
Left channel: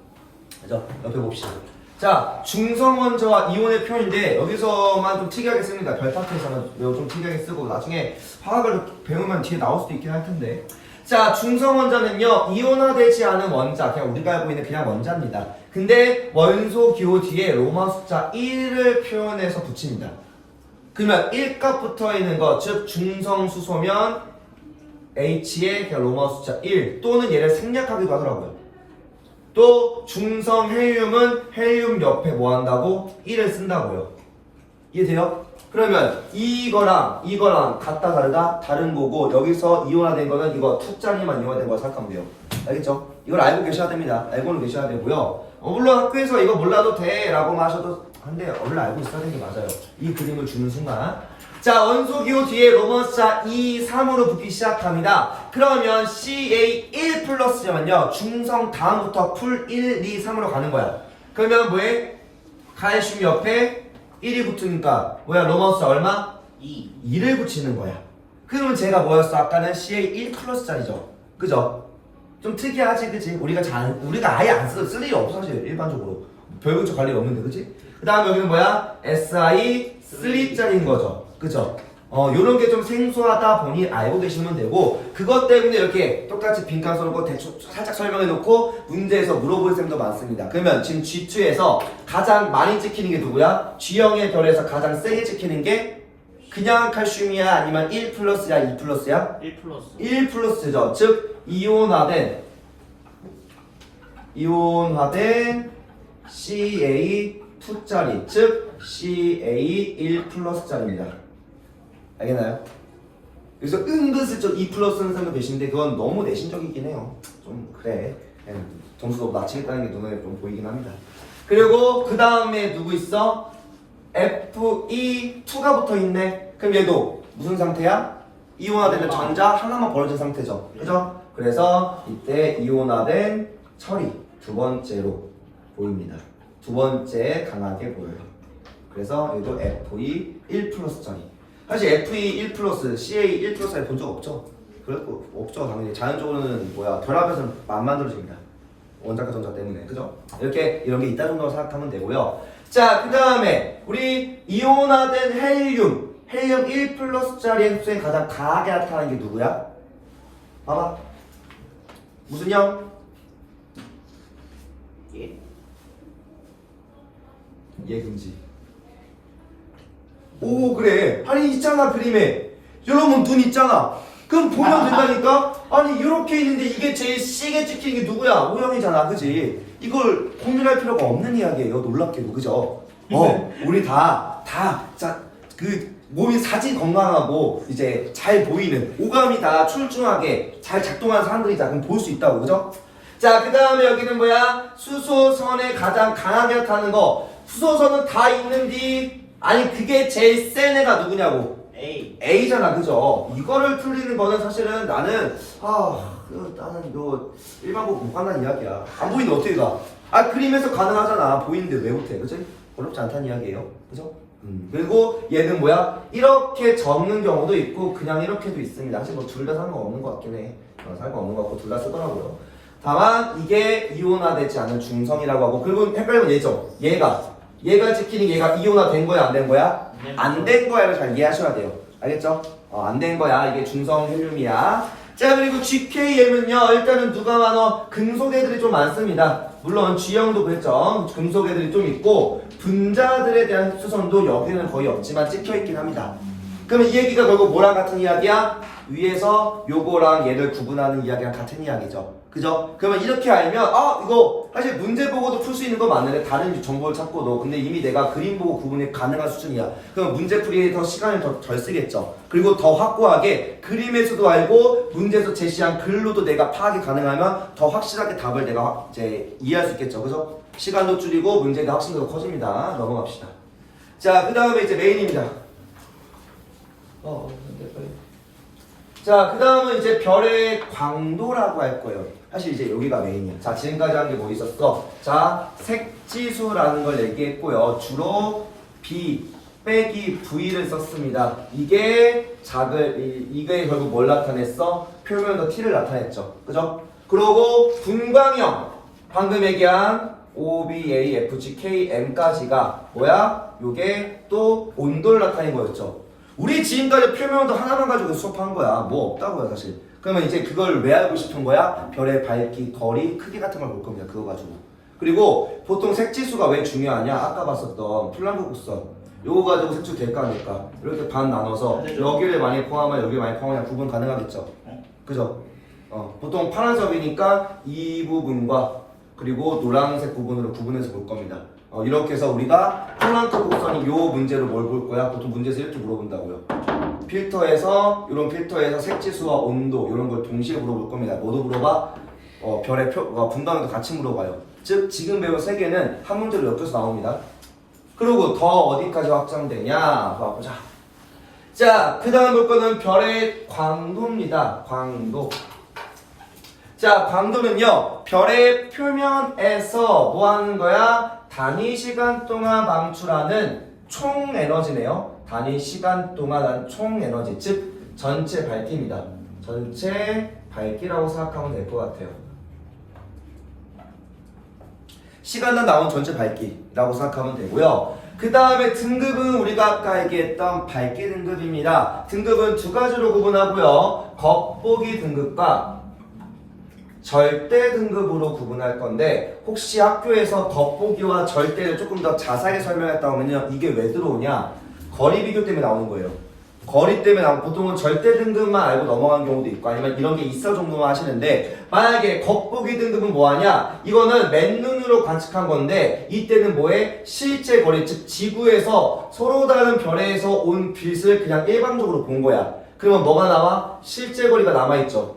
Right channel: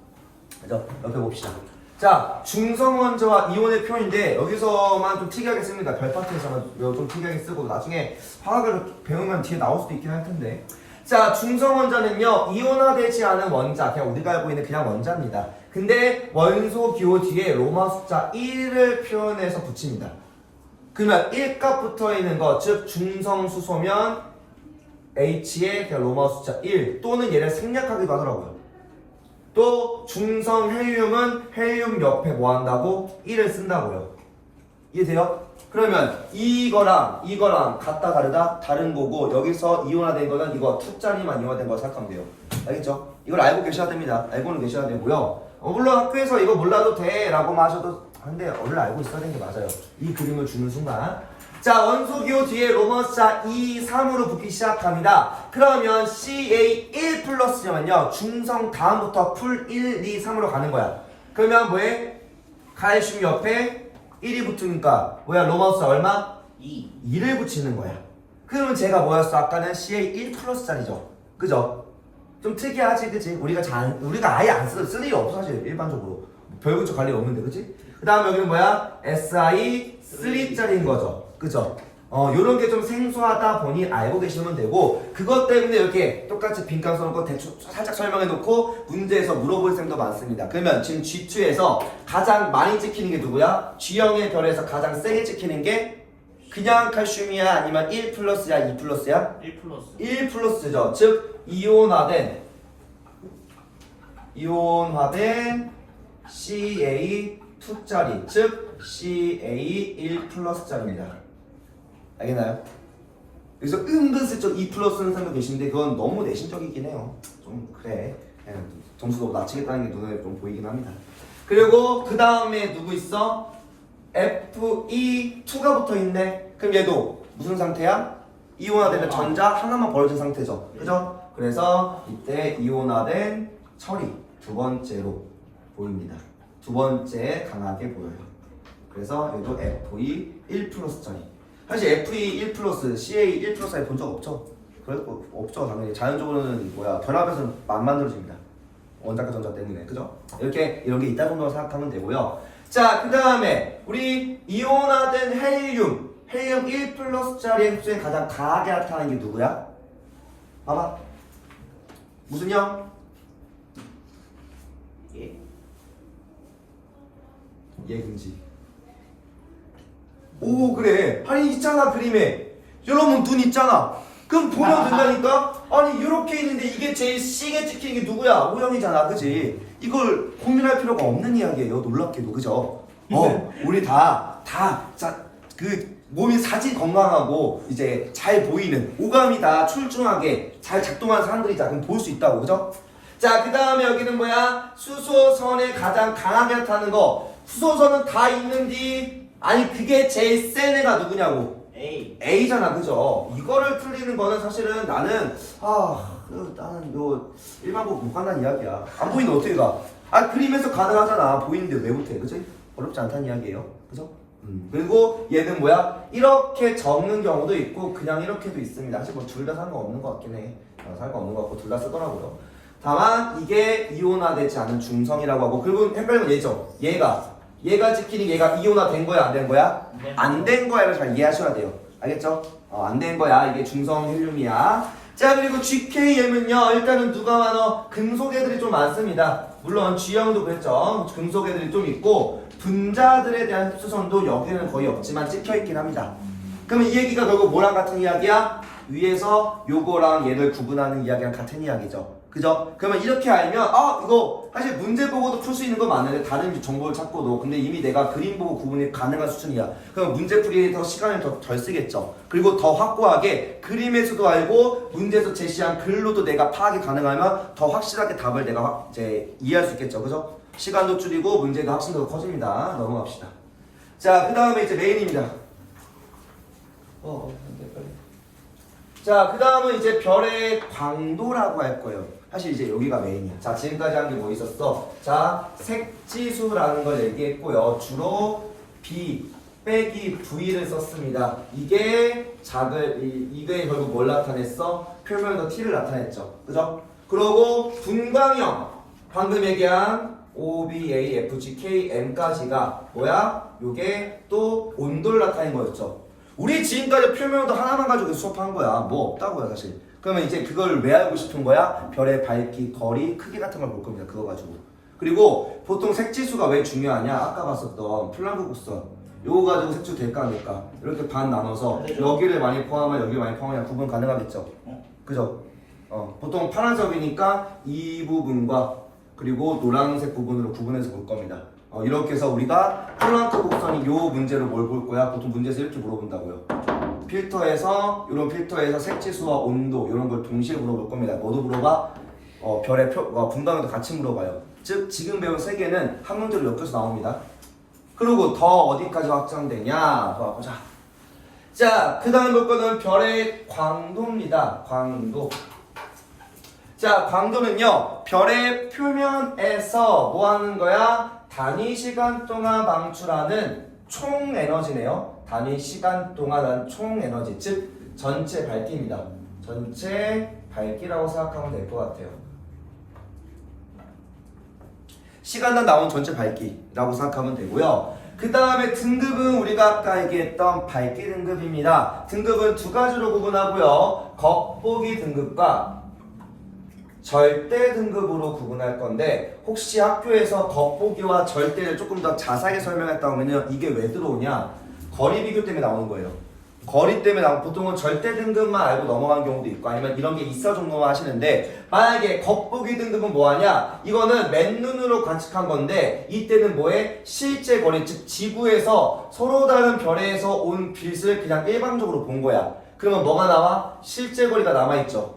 그죠? 옆에 봅시다. 자, 중성원자와 이온의 표현인데 여기서만 좀 특이하게 씁니다. 별파트에서만 좀 특이하게 쓰고 나중에 화학을 배우면 뒤에 나올 수도 있긴 할 텐데. 자, 중성원자는요, 이온화되지 않은 원자, 그냥 우리가 알고 있는 그냥 원자입니다. 근데 원소 기호 뒤에 로마 숫자 1을 표현해서 붙입니다. 그러면 1값 붙어 있는 거, 즉 중성수소면 H에 그냥 로마 숫자 1 또는 얘를 생략하기도 하더라고요. 또 중성 헬륨은 헬륨 옆에 뭐 한다고? 1을 쓴다고요. 이해돼요? 그러면 이거랑 같다 다르다? 다른 거고 여기서 이온화된 거는 이거 2짜리만 이온화된 거 생각하면 돼요. 알겠죠? 이걸 알고 계셔야 됩니다. 알고는 계셔야 되고요. 물론 학교에서 이거 몰라도 돼 라고 하셔도 한데 원래 알고 있어야 되는 게 맞아요. 이 그림을 주는 순간. 자, 원소기호 뒤에 로머자 2, 3으로 붙기 시작합니다. 그러면 CA1 플러스면요 중성 다음부터 풀 1, 2, 3으로 가는 거야. 그러면 뭐해? 칼슘 옆에 1이 붙으니까 뭐야? 로머자 얼마? 2를 붙이는 거야. 그러면 제가 뭐였어? 아까는 CA1 플러스짜리죠. 그죠? 좀 특이하지, 그치? 우리가 아예 안 쓸 일이 없어, 사실, 일반적으로. 별근처 관리 없는데, 그치? 그 다음 여기는 뭐야? SI3짜리인 거죠. 그죠? 요런 게 좀 생소하다 보니 알고 계시면 되고, 그것 때문에 이렇게 똑같이 빈칸 써놓고 대충 살짝 설명해 놓고, 문제에서 물어볼 셈도 많습니다. 그러면 지금 G2에서 가장 많이 찍히는 게 누구야? G형의 별에서 가장 세게 찍히는 게 그냥 칼슘이야? 아니면 1 플러스야? 2 플러스야? 1 플러스. 1 플러스죠. 즉 이온화된 CA2짜리, 즉 CA1 플러스짜리입니다. 알겠나요? 여기서 은근슬쩍 2 플러스는 사람도 계신데 그건 너무 내신적이긴 해요. 좀 그래. 그냥 점수도 낮추겠다는 게 눈에 좀 보이긴 합니다. 그리고 그 다음에 누구 있어? Fe2가 붙어있네. 그럼 얘도 무슨 상태야? 이온화되는 전자 하나만 벌어진 상태죠. 그죠? 그래서 이때 이온화된 철이 두 번째로 보입니다. 두 번째 강하게 보여요. 그래서 얘도 Fe 1 플러스짜리. 사실 Fe 1 플러스, CA 1 플러스에 본 적 없죠? 그래도 없죠. 당연히 자연적으로는 결합해서 안 만들어집니다. 원자과 전자 때문에. 그죠? 이렇게 이런 게 있다 정도 생각하면 되고요. 자, 그 다음에 우리 이온화된 헬륨 1 플러스짜리 흡수에 가장 강하게 나타나는 게 누구야? 봐봐. 무슨 형? 얘 금지. 오, 그래. 아니 있잖아 그림에. 여러분 눈 있잖아. 그럼 보면 된다니까? 아니 이렇게 있는데 이게 제일 C게 찍히는 게 누구야? O형이잖아, 그지? 이걸 고민할 필요가 없는 이야기예요. 놀랍게도, 그죠? 우리 그 몸이 사지 건강하고 이제 잘 보이는 오감이 다 출중하게 잘 작동하는 사람들이자 그럼 볼 수 있다고, 그죠? 자, 그 다음에 여기는 뭐야? 수소선에 가장 강하게 나타나는 거. 수소선은 다 있는데 아니 그게 제일 센 애가 누구냐고? A잖아, 그죠? 이거를 풀리는 거는 사실은 나는 일반고 못 간다는 이야기야. 안 보이는데 어떻게 가? 그림에서 가능하잖아. 보이는데 왜 못해? 그죠? 어렵지 않다는 이야기예요. 그죠? 그리고 얘는 뭐야? 이렇게 적는 경우도 있고 그냥 이렇게도 있습니다. 사실 뭐 둘 다 상관없는 것 같긴 해. 상관없는 것 같고 둘 다 쓰더라고요. 다만 이게 이온화되지 않은 중성이라고 하고, 그리고 헷갈리면 얘죠. 얘가 찍히는 얘가 이온화된 거야, 안 된 거야? 안 된 거야를 잘 이해하셔야 돼요. 알겠죠? 안 된 거야. 이게 중성 헬륨이야. 자, 그리고 GKM은요, 일단은 누가 많어? 금속 애들이 좀 많습니다. 물론 G형도 그랬죠. 금속 애들이 좀 있고 분자들에 대한 흡수선도 여기는 거의 없지만 찍혀있긴 합니다. 그러면 이 얘기가 결국 뭐랑 같은 이야기야? 위에서 요거랑 얘를 구분하는 이야기랑 같은 이야기죠. 그죠? 그러면 이렇게 알면 이거 사실 문제 보고도 풀 수 있는 거 많은데 다른 정보를 찾고도, 근데 이미 내가 그림 보고 구분이 가능한 수준이야. 그럼 문제 풀이에 더 시간을 더 덜 쓰겠죠. 그리고 더 확고하게 그림에서도 알고 문제에서 제시한 글로도 내가 파악이 가능하면 더 확실하게 답을 내가 이제 이해할 수 있겠죠. 그죠? 시간도 줄이고 문제의 확신도가 커집니다. 넘어갑시다. 자, 그 다음에 이제 메인입니다. 자, 그 다음은 이제 별의 광도라고 할 거예요. 사실 이제 여기가 메인이야. 자, 지금까지 한 게 뭐 있었어? 자, 색지수라는 걸 얘기했고요. 주로 B 빼기 V를 썼습니다. 이게 이게 결국 뭘 나타냈어? 표면도 T를 나타냈죠. 그죠? 그리고 분광형, 방금 얘기한 O, B, A, F, G, K, M까지가 뭐야? 요게 또 온도를 나타낸 거였죠. 우리 지금까지 표면도 하나만 가지고 수업한 거야. 뭐 없다고요, 사실. 그러면 이제 그걸 왜 알고 싶은 거야? 별의 밝기, 거리, 크기 같은 걸 볼 겁니다. 그거 가지고. 그리고 보통 색지수가 왜 중요하냐? 아까 봤었던 플랑크 곡선. 요거 가지고 색지수 될까 안 될까? 이렇게 반 나눠서 여기를 많이 포함하면 여기를 많이 포함하면 구분 가능하겠죠? 그죠? 보통 파란색이니까 이 부분과 그리고 노란색 부분으로 구분해서 볼 겁니다. 이렇게 해서 우리가 플랑크 곡선이 요 문제로 뭘 볼 거야? 보통 문제에서 이렇게 물어본다고요. 필터에서 이런 필터에서 색지수와 온도 이런 걸 동시에 물어볼 겁니다. 뭐도 물어봐? 별의 분담에도 같이 물어봐요. 즉 지금 배운 세 개는 한 문제로 엮여서 나옵니다. 그리고 더 어디까지 확장되냐? 보자. 자, 그 다음 볼 거는 별의 광도입니다. 광도. 자, 광도는요, 별의 표면에서 뭐 하는 거야? 단위 시간 동안 방출하는 총 에너지네요. 단위 시간 동안 한 총 에너지, 즉 전체 밝기입니다. 전체 밝기라고 생각하면 될 것 같아요. 시간당 나온 전체 밝기라고 생각하면 되고요. 그 다음에 등급은 우리가 아까 얘기했던 밝기 등급입니다. 등급은 두 가지로 구분하고요. 겉보기 등급과 절대 등급으로 구분할 건데, 혹시 학교에서 겉보기와 절대를 조금 더 자세하게 설명했다 하면요, 이게 왜 들어오냐? 거리 비교 때문에 나오는 거예요. 거리 때문에 나오고, 보통은 절대 등급만 알고 넘어간 경우도 있고, 아니면 이런 게 있어 정도만 하시는데, 만약에 겉보기 등급은 뭐하냐? 이거는 맨눈으로 관측한 건데, 이때는 뭐해? 실제 거리, 즉 지구에서 서로 다른 별에서 온 빛을 그냥 일반적으로 본 거야. 그러면 뭐가 나와? 실제 거리가 남아있죠.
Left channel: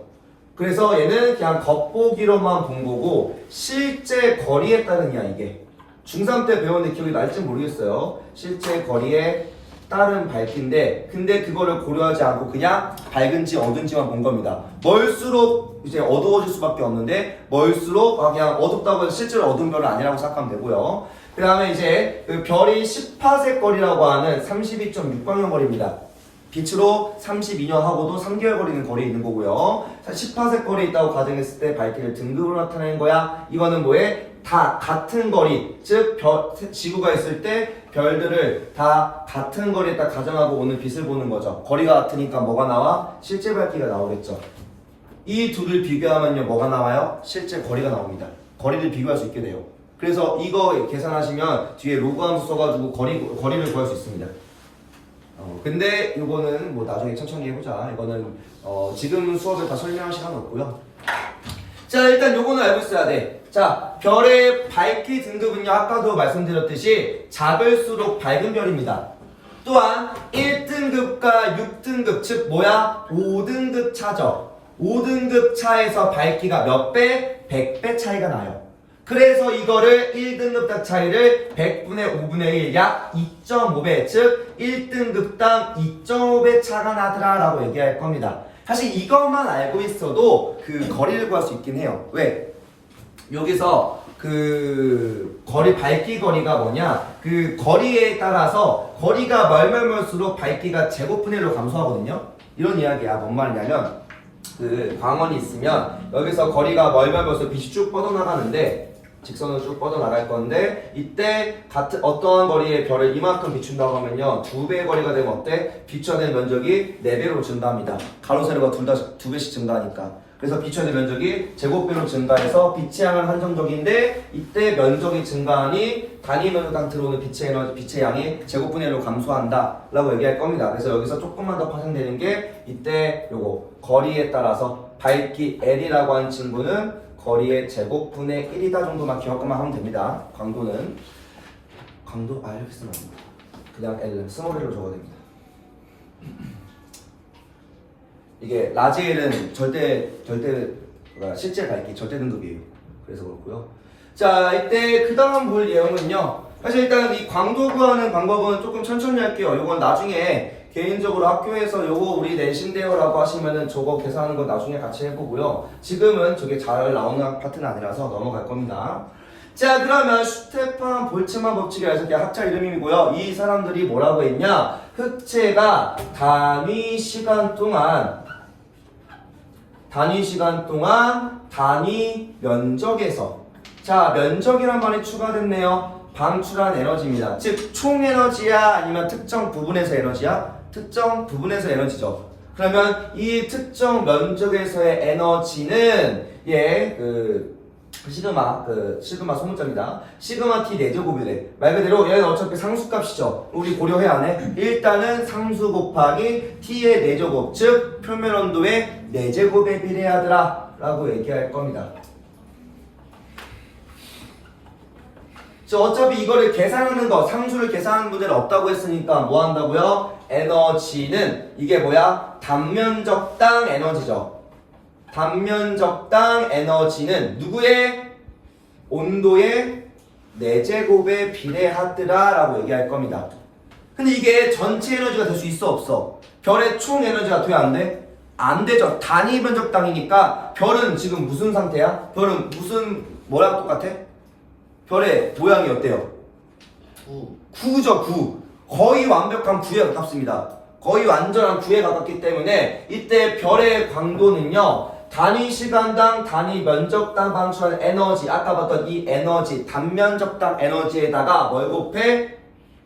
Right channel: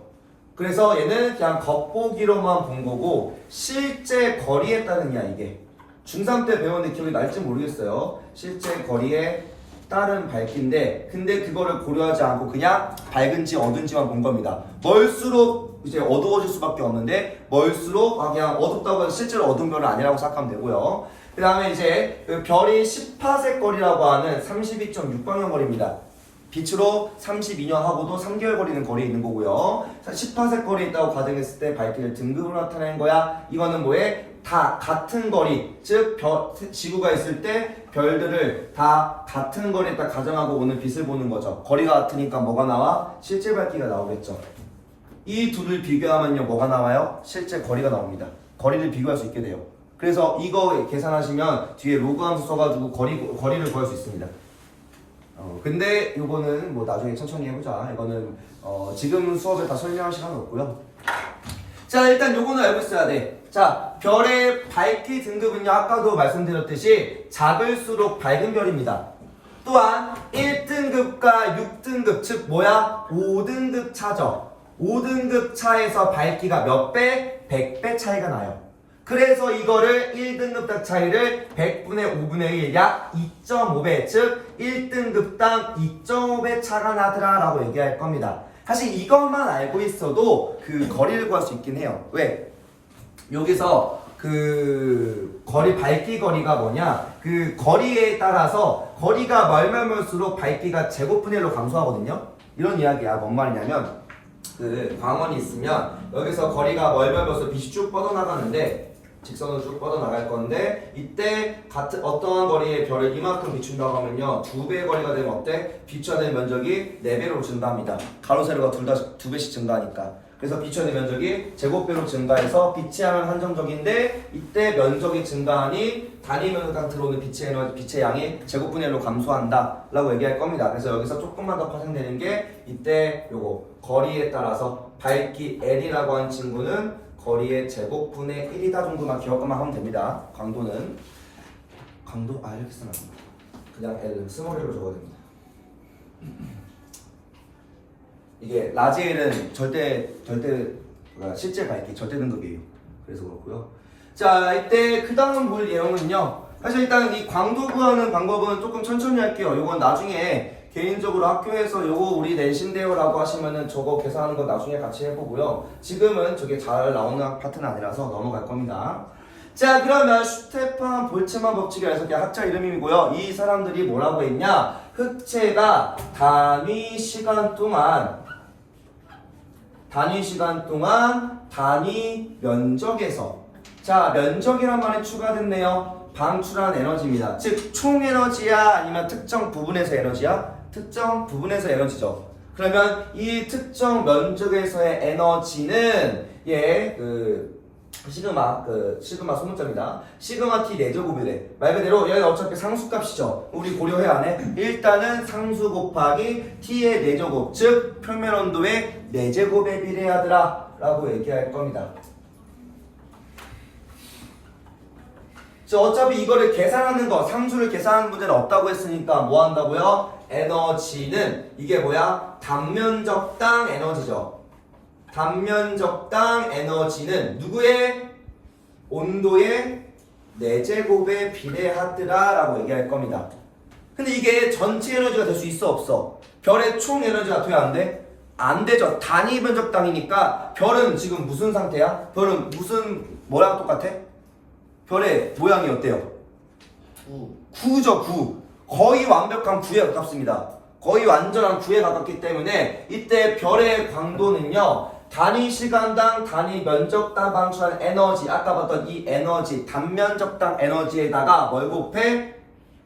그래서 얘는 그냥 겉보기로만 본 거고, 실제 거리에 따른 이야, 이게. 중3 때 배웠는데 기억이 날지 모르겠어요. 실제 거리에 따른 밝기인데, 근데 그거를 고려하지 않고 그냥 밝은지 어두운지만 본 겁니다. 멀수록 이제 어두워질 수밖에 없는데, 멀수록 그냥 어둡다고 해서 실제로 어두운 별은 아니라고 생각하면 되고요. 그 다음에 이제 그 별이 10파세 거리라고 하는 32.6광년 거리입니다. 빛으로 32년 하고도 3개월 거리는 거리에 있는 거고요. 10파세 거리에 있다고 가정했을 때 밝기를 등급으로 나타내는 거야. 이거는 뭐에? 다 같은 거리, 즉 지구가 있을 때 별들을 다 같은 거리에 딱 가정하고 오는 빛을 보는 거죠. 거리가 같으니까 뭐가 나와? 실제 밝기가 나오겠죠. 이 둘을 비교하면요, 뭐가 나와요? 실제 거리가 나옵니다. 거리를 비교할 수 있게 돼요. 그래서 이거 계산하시면 뒤에 로그 함수 써가지고 거리를 구할 수 있습니다. 근데 이거는 뭐 나중에 천천히 해보자. 이거는 지금 수업에 다 설명할 시간은 없고요. 자, 일단 요거는 알고 있어야 돼. 자, 별의 밝기 등급은요, 아까도 말씀드렸듯이 작을수록 밝은 별입니다. 또한 1등급과 6등급, 즉 뭐야? 5등급 차죠. 5등급 차에서 밝기가 몇 배? 100배 차이가 나요. 그래서 이거를 1등급 차이를 100분의 5분의 1, 약 2.5배, 즉 1등급당 2.5배 차가 나더라 라고 얘기할 겁니다. 사실 이것만 알고 있어도 그 거리를 구할 수 있긴 해요. 왜? 여기서 그 밝기 거리가 뭐냐? 그 거리에 따라서 거리가 멀수록 밝기가 제곱분의 1로 감소하거든요. 이런 이야기야. 뭔 말이냐면 그 광원이 있으면 여기서 거리가 멀수록 빛이 쭉 뻗어나가는데, 직선으로 쭉 뻗어나갈 건데, 이때 어떠한 거리의 별을 이만큼 비춘다고 하면요, 2배의 거리가 되면 어때? 비춰야 될 면적이 4배로 증가합니다. 가로 세로가 둘 다 2배씩 증가하니까. 그래서 비춰야 될 면적이 제곱배로 증가해서 빛의 양은 한정적인데, 이때 면적이 증가하니 단위 면적당 들어오는 빛의 양이 제곱분의 1로 감소한다 라고 얘기할 겁니다. 그래서 여기서 조금만 더 파생되는 게, 이때 요거 거리에 따라서 밝기 L이라고 하는 친구는 거리의 제곱분의 1이다 정도만 기억만 하면 됩니다. 광도는 이렇게 쓰면 안 됩니다. 그냥 L은 스몰 L로 적어야 됩니다. 이게 라지 L은 실제 밝기 절대 등급이에요. 그래서 그렇고요. 자, 이때 그 다음 볼 내용은요, 사실 일단 이 광도 구하는 방법은 조금 천천히 할게요. 이건 나중에 개인적으로 학교에서 요거 우리 내신대요 라고 하시면은 저거 계산하는 거 나중에 같이 해보고요. 지금은 저게 잘 나오는 파트는 아니라서 넘어갈 겁니다. 자, 그러면 슈테판 볼츠만 법칙이라서 그냥 학자 이름이고요. 이 사람들이 뭐라고 했냐? 흑체가 단위 시간 동안 단위 면적에서, 자, 면적이란 말이 추가됐네요. 방출한 에너지입니다. 즉 총 에너지야 아니면 특정 부분에서 에너지야? 특정 부분에서 에너지죠. 그러면 이 특정 면적에서의 에너지는 시그마 소문자입니다. 시그마 t 4제곱이래. 말 그대로 얘는 어차피 상수값이죠. 우리 고려해야 하네. 일단은 상수 곱하기 t의 4제곱, 즉 표면 온도의 4제곱에 비례하더라 라고 얘기할 겁니다. 저 어차피 이거를 계산하는 거, 상수를 계산하는 문제는 없다고 했으니까 뭐 한다고요? 에너지는 이게 뭐야? 단면적당 에너지죠. 단면적당 에너지는 누구의? 온도의 4제곱에 비례하더라 라고 얘기할 겁니다. 근데 이게 전체 에너지가 될 수 있어 없어? 별의 총 에너지가 돼야 안 돼? 안 되죠. 단위 면적당이니까 별은 지금 무슨 상태야? 별은 무슨 뭐랑 똑같아? 별의 모양이 어때요? 9죠 9. 거의 완벽한 9에 가깝습니다. 거의 완전한 9에 가깝기 때문에 이때 별의 광도는요 단위 시간당 단위 면적당 방출한 에너지, 아까 봤던 이 에너지 단면적당 에너지에다가 뭘 곱해?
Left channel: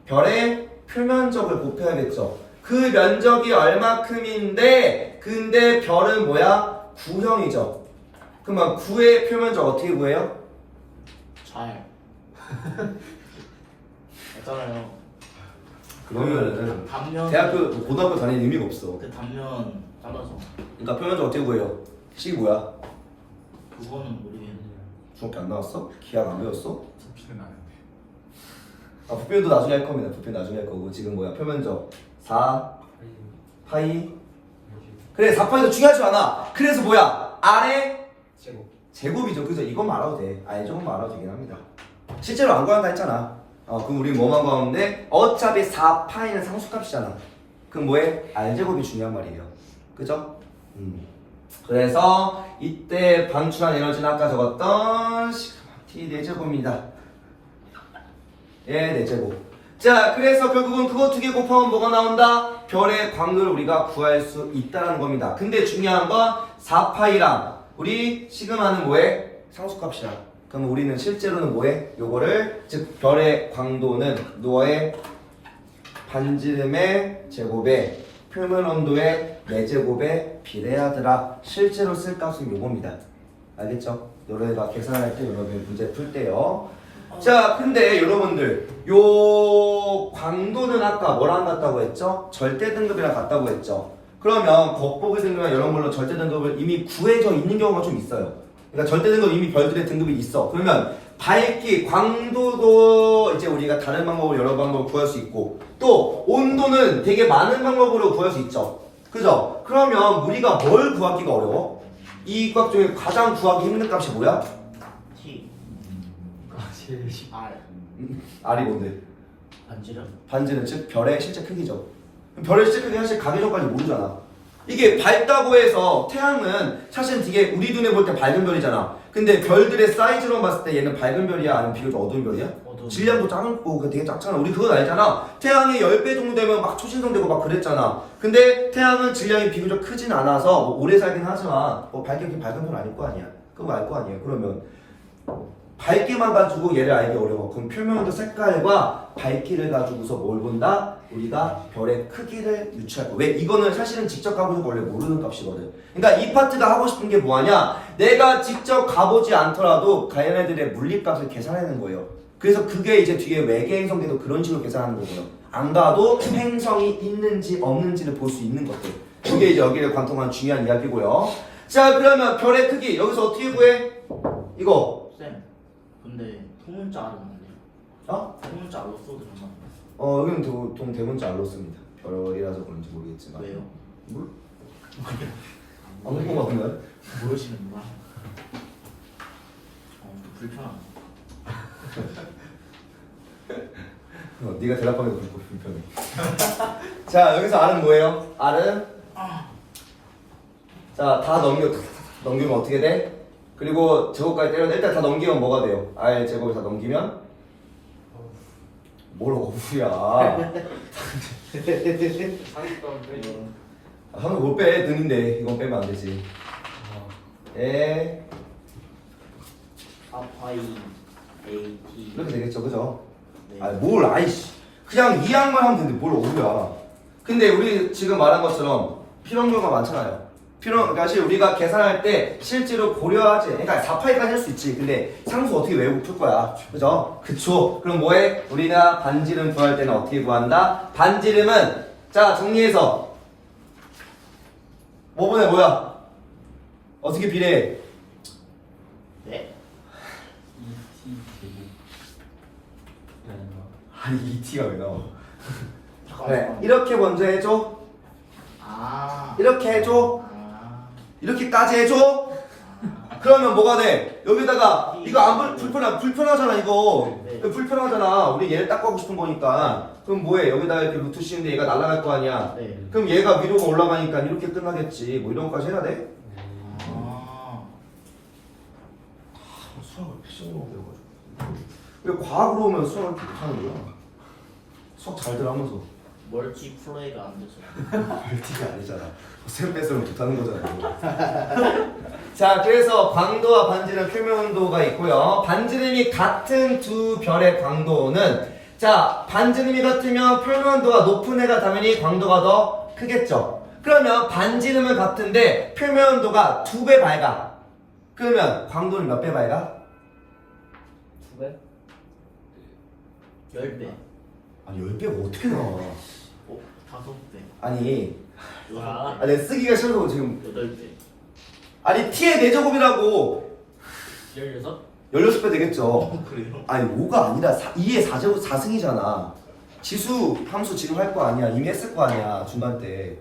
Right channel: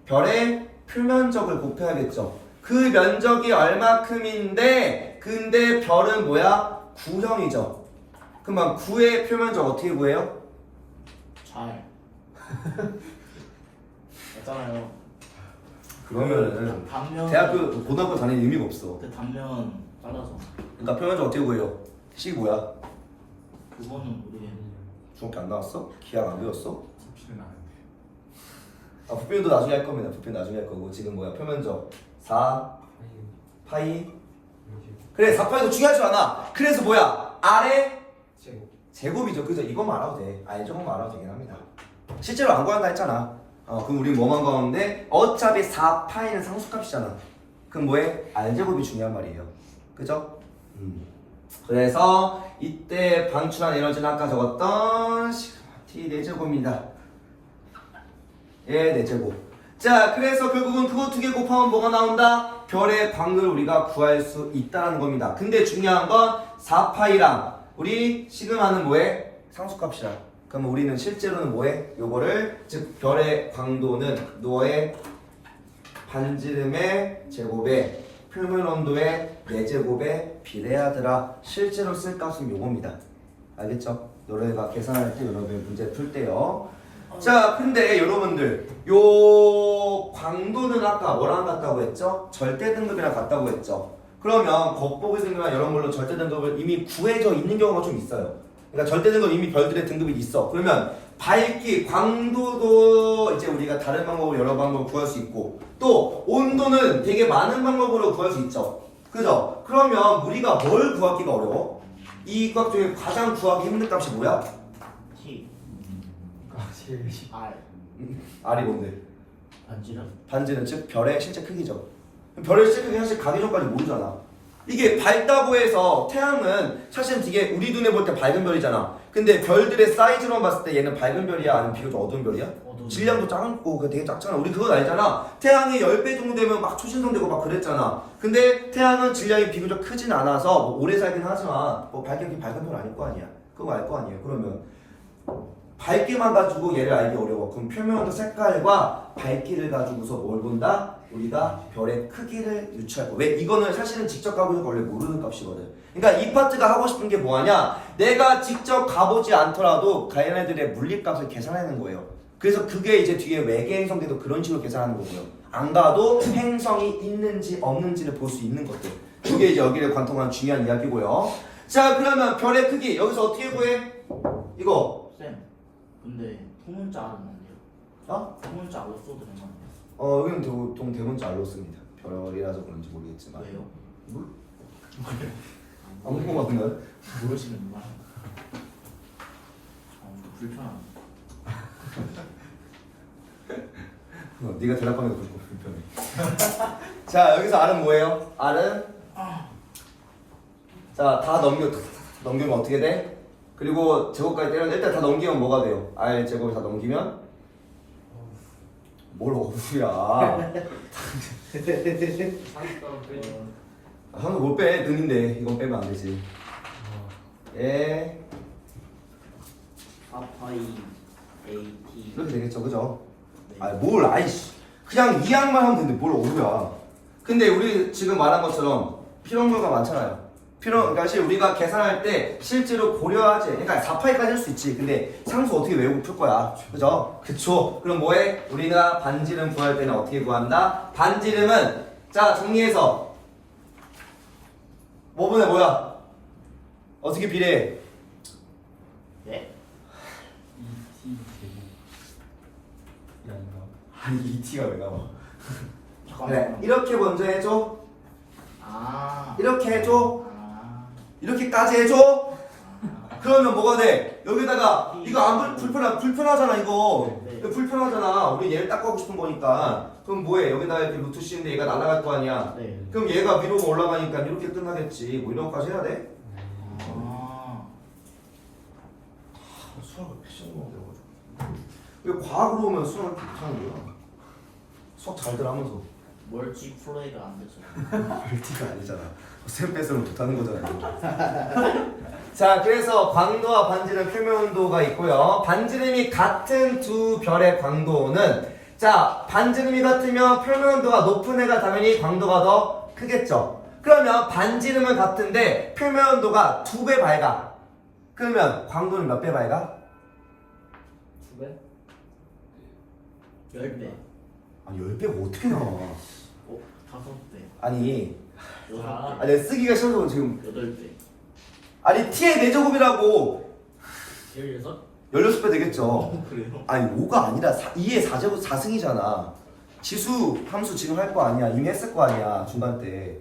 별의 표면적을 곱해야겠죠. 그 면적이 얼마큼인데 근데 별은 뭐야? 9형이죠. 그러면 9의 표면적 어떻게 구해요? 잘 했잖아요. 그러면은 단면 대학교 고등학교 다니는 의미가 없어. 그 단면 잘라서 그러니까 표면적 어떻게 구해요? 식이 뭐야? 그거는 우리 중학교 안 나왔어? 기억 안 배웠어? 부피는 아는데. 아 부피도 나중에 할 겁니다. 부피 나중에 할 거고 지금 뭐야? 표면적 4 파이. 그래 4파이도 중요하지 않아. 그래서 뭐야? 아래 제곱이죠. 그래서 이것만 알아도 돼. 아예 조금만 알아도 되긴 합니다. 실제로 안 구한다 했잖아. 그럼 우린 뭐만 구하는데 어차피 4파이는 상수값이잖아. 그럼 뭐해? R제곱이 중요한 말이에요. 그죠? 그래서 이때 방출한 에너지는 아까 적었던 시그마 T 4제곱입니다. 예, 4제곱. 자, 그래서 결국은 그거 2개 곱하면 뭐가 나온다? 별의 광도를 우리가 구할 수 있다는 겁니다. 근데 중요한 건 4파이랑 우리 시그마는 뭐해? 상수값이야. 그럼 우리는 실제로는 뭐해? 요거를 즉 별의 광도는 너의 반지름의 제곱에 표면 온도의 4제곱에 비례하더라. 실제로 쓸 값은 요겁니다. 알겠죠? 너네가 계산할 때 여러분 문제 풀 때요. 자, 근데 여러분들 요 광도는 아까 뭐랑 같다고 했죠? 절대 등급이랑 같다고 했죠? 그러면 겉보기 등급이나 이런 걸로 절대 등급을 이미 구해져 있는 경우가 좀 있어요. 그러니까 절대 등급 이미 별들의 등급이 있어. 그러면 밝기, 광도도 이제 우리가 다른 방법으로 여러 방법으로 구할 수 있고 또 온도는 되게 많은 방법으로 구할 수 있죠. 그죠? 그러면 우리가 뭘 구하기가 어려워? 이 값 중에 가장 구하기 힘든 값이 뭐야? T 확실히. R R이 뭔데? 반지름 반지는 즉 별의 실제 크기죠. 별의 실제 크기 사실 가기 전까지 모르잖아. 이게 밝다고 해서 태양은 사실 되게 우리 눈에 볼 때 밝은 별이잖아. 근데 별들의 사이즈로 봤을 때 얘는 밝은 별이야 아니면 비교적 어두운 별이야? 어두운 질량도 작고 되게 작잖아. 우리 그건 알잖아. 태양이 10배 정도 되면 막 초신성되고 막 그랬잖아. 근데 태양은 질량이 비교적 크진 않아서 뭐 오래 살긴 하지만 뭐 밝은 별 아닐 거 아니야. 그거 알 거 아니야. 그러면 밝기만 가지고 얘를 알기 어려워. 그럼 표면온도 색깔과 밝기를 가지고서 뭘 본다? 우리가 별의 크기를 유추할 거야. 왜? 이거는 사실은 직접 가보니까 원래 모르는 값이거든. 그러니까 이 파트가 하고 싶은 게 뭐하냐? 내가 직접 가보지 않더라도 걔네들의 물리값을 계산하는 거예요. 그래서 그게 이제 뒤에 외계 행성들도 그런 식으로 계산하는 거고요. 안 가도 행성이 있는지 없는지를 볼 수 있는 것들. 그게 이제 여기를 관통한 중요한 이야기고요. 자, 그러면 별의 크기 여기서 어떻게 구해? 이거 쌤 근데 통문자는 안 돼요? 어? 통문자 못 써드리면 여기는 보통 대문자 알로 씁니다. 별이라서 그런지 모르겠지만. 왜요? 뭘? 안 궁금하구나. 모르시는구나. 불편함. 네가 대답하는 게 불편해. 자, 여기서 R은 뭐예요? R은 자, 다 넘기면 어떻게 돼? 그리고 제곱까지 때렸는데 일단 다 넘기면 뭐가 돼요? R 제곱을 다 넘기면 뭘 어부야? 한번 못 빼, 는인데 이건 빼면 안 되지. 예, 4파이 AT 이렇게 되겠죠, 그죠? 네. 뭘, 아이씨, 그냥 이항만 하면 되는데 뭘 어부야? 근데 우리 지금 말한 것처럼 필요한 경우가 많잖아요. 그러니까 사실 우리가 계산할 때 실제로 고려하지. 그러니까 4파이까지 할 수 있지. 근데 상수 어떻게 외우고 풀 거야? 그죠? 그쵸? 그럼 뭐해? 우리가 반지름 구할 때는 어떻게 구한다? 반지름은 자 정리해서 뭐분의 뭐야? 어떻게 비례해? 네? 아니 이 t가 왜 나와? 잠깐만. 네, 이렇게 먼저 해줘. 아. 이렇게 해줘. 아. 이렇게까지 해줘. 그러면 뭐가 돼? 여기다가 이거 안 불편하잖아 이거. 네. 이거 불편하잖아. 우리 얘를 딱 가고 싶은 거니까. 그럼 뭐해? 여기다 이렇게 루트 씌운데 얘가 날아갈 거 아니야. 네. 그럼 얘가 위로 올라가니까 이렇게 끝나겠지. 뭐 이런 거까지 해야 돼? 아. 수학을 패션으로 배워가지고. 왜 과학으로 오면 수학을 이렇게 못하는 거야? 수학 잘들 하면서. 멀티 플레이가 안 됐어요. 멀티가 아니잖아. 셈 뺏으면 못하는 거잖아. 자, 그래서 광도와 반지름 표면 온도가 있고요. 반지름이 같은 두 별의 광도는 자, 반지름이 같으면 표면 온도가 높은 애가 당연히 광도가 더 크겠죠. 그러면 반지름은 같은데 표면 온도가 2배 밝아. 그러면 광도는 몇 배 밝아? 2배? 10배. 아니 10배가 어떻게 나와? 5배. 아니 6배. 내 쓰기가 싫어서 지금 8배. 아니 t의 4제곱이라고 16? 16배 되겠죠. 그래요? 아니 5가 아니라 2의 4제곱 4승이잖아. 지수 함수 지금 할 거 아니야. 이미 했을 거 아니야 중간 때.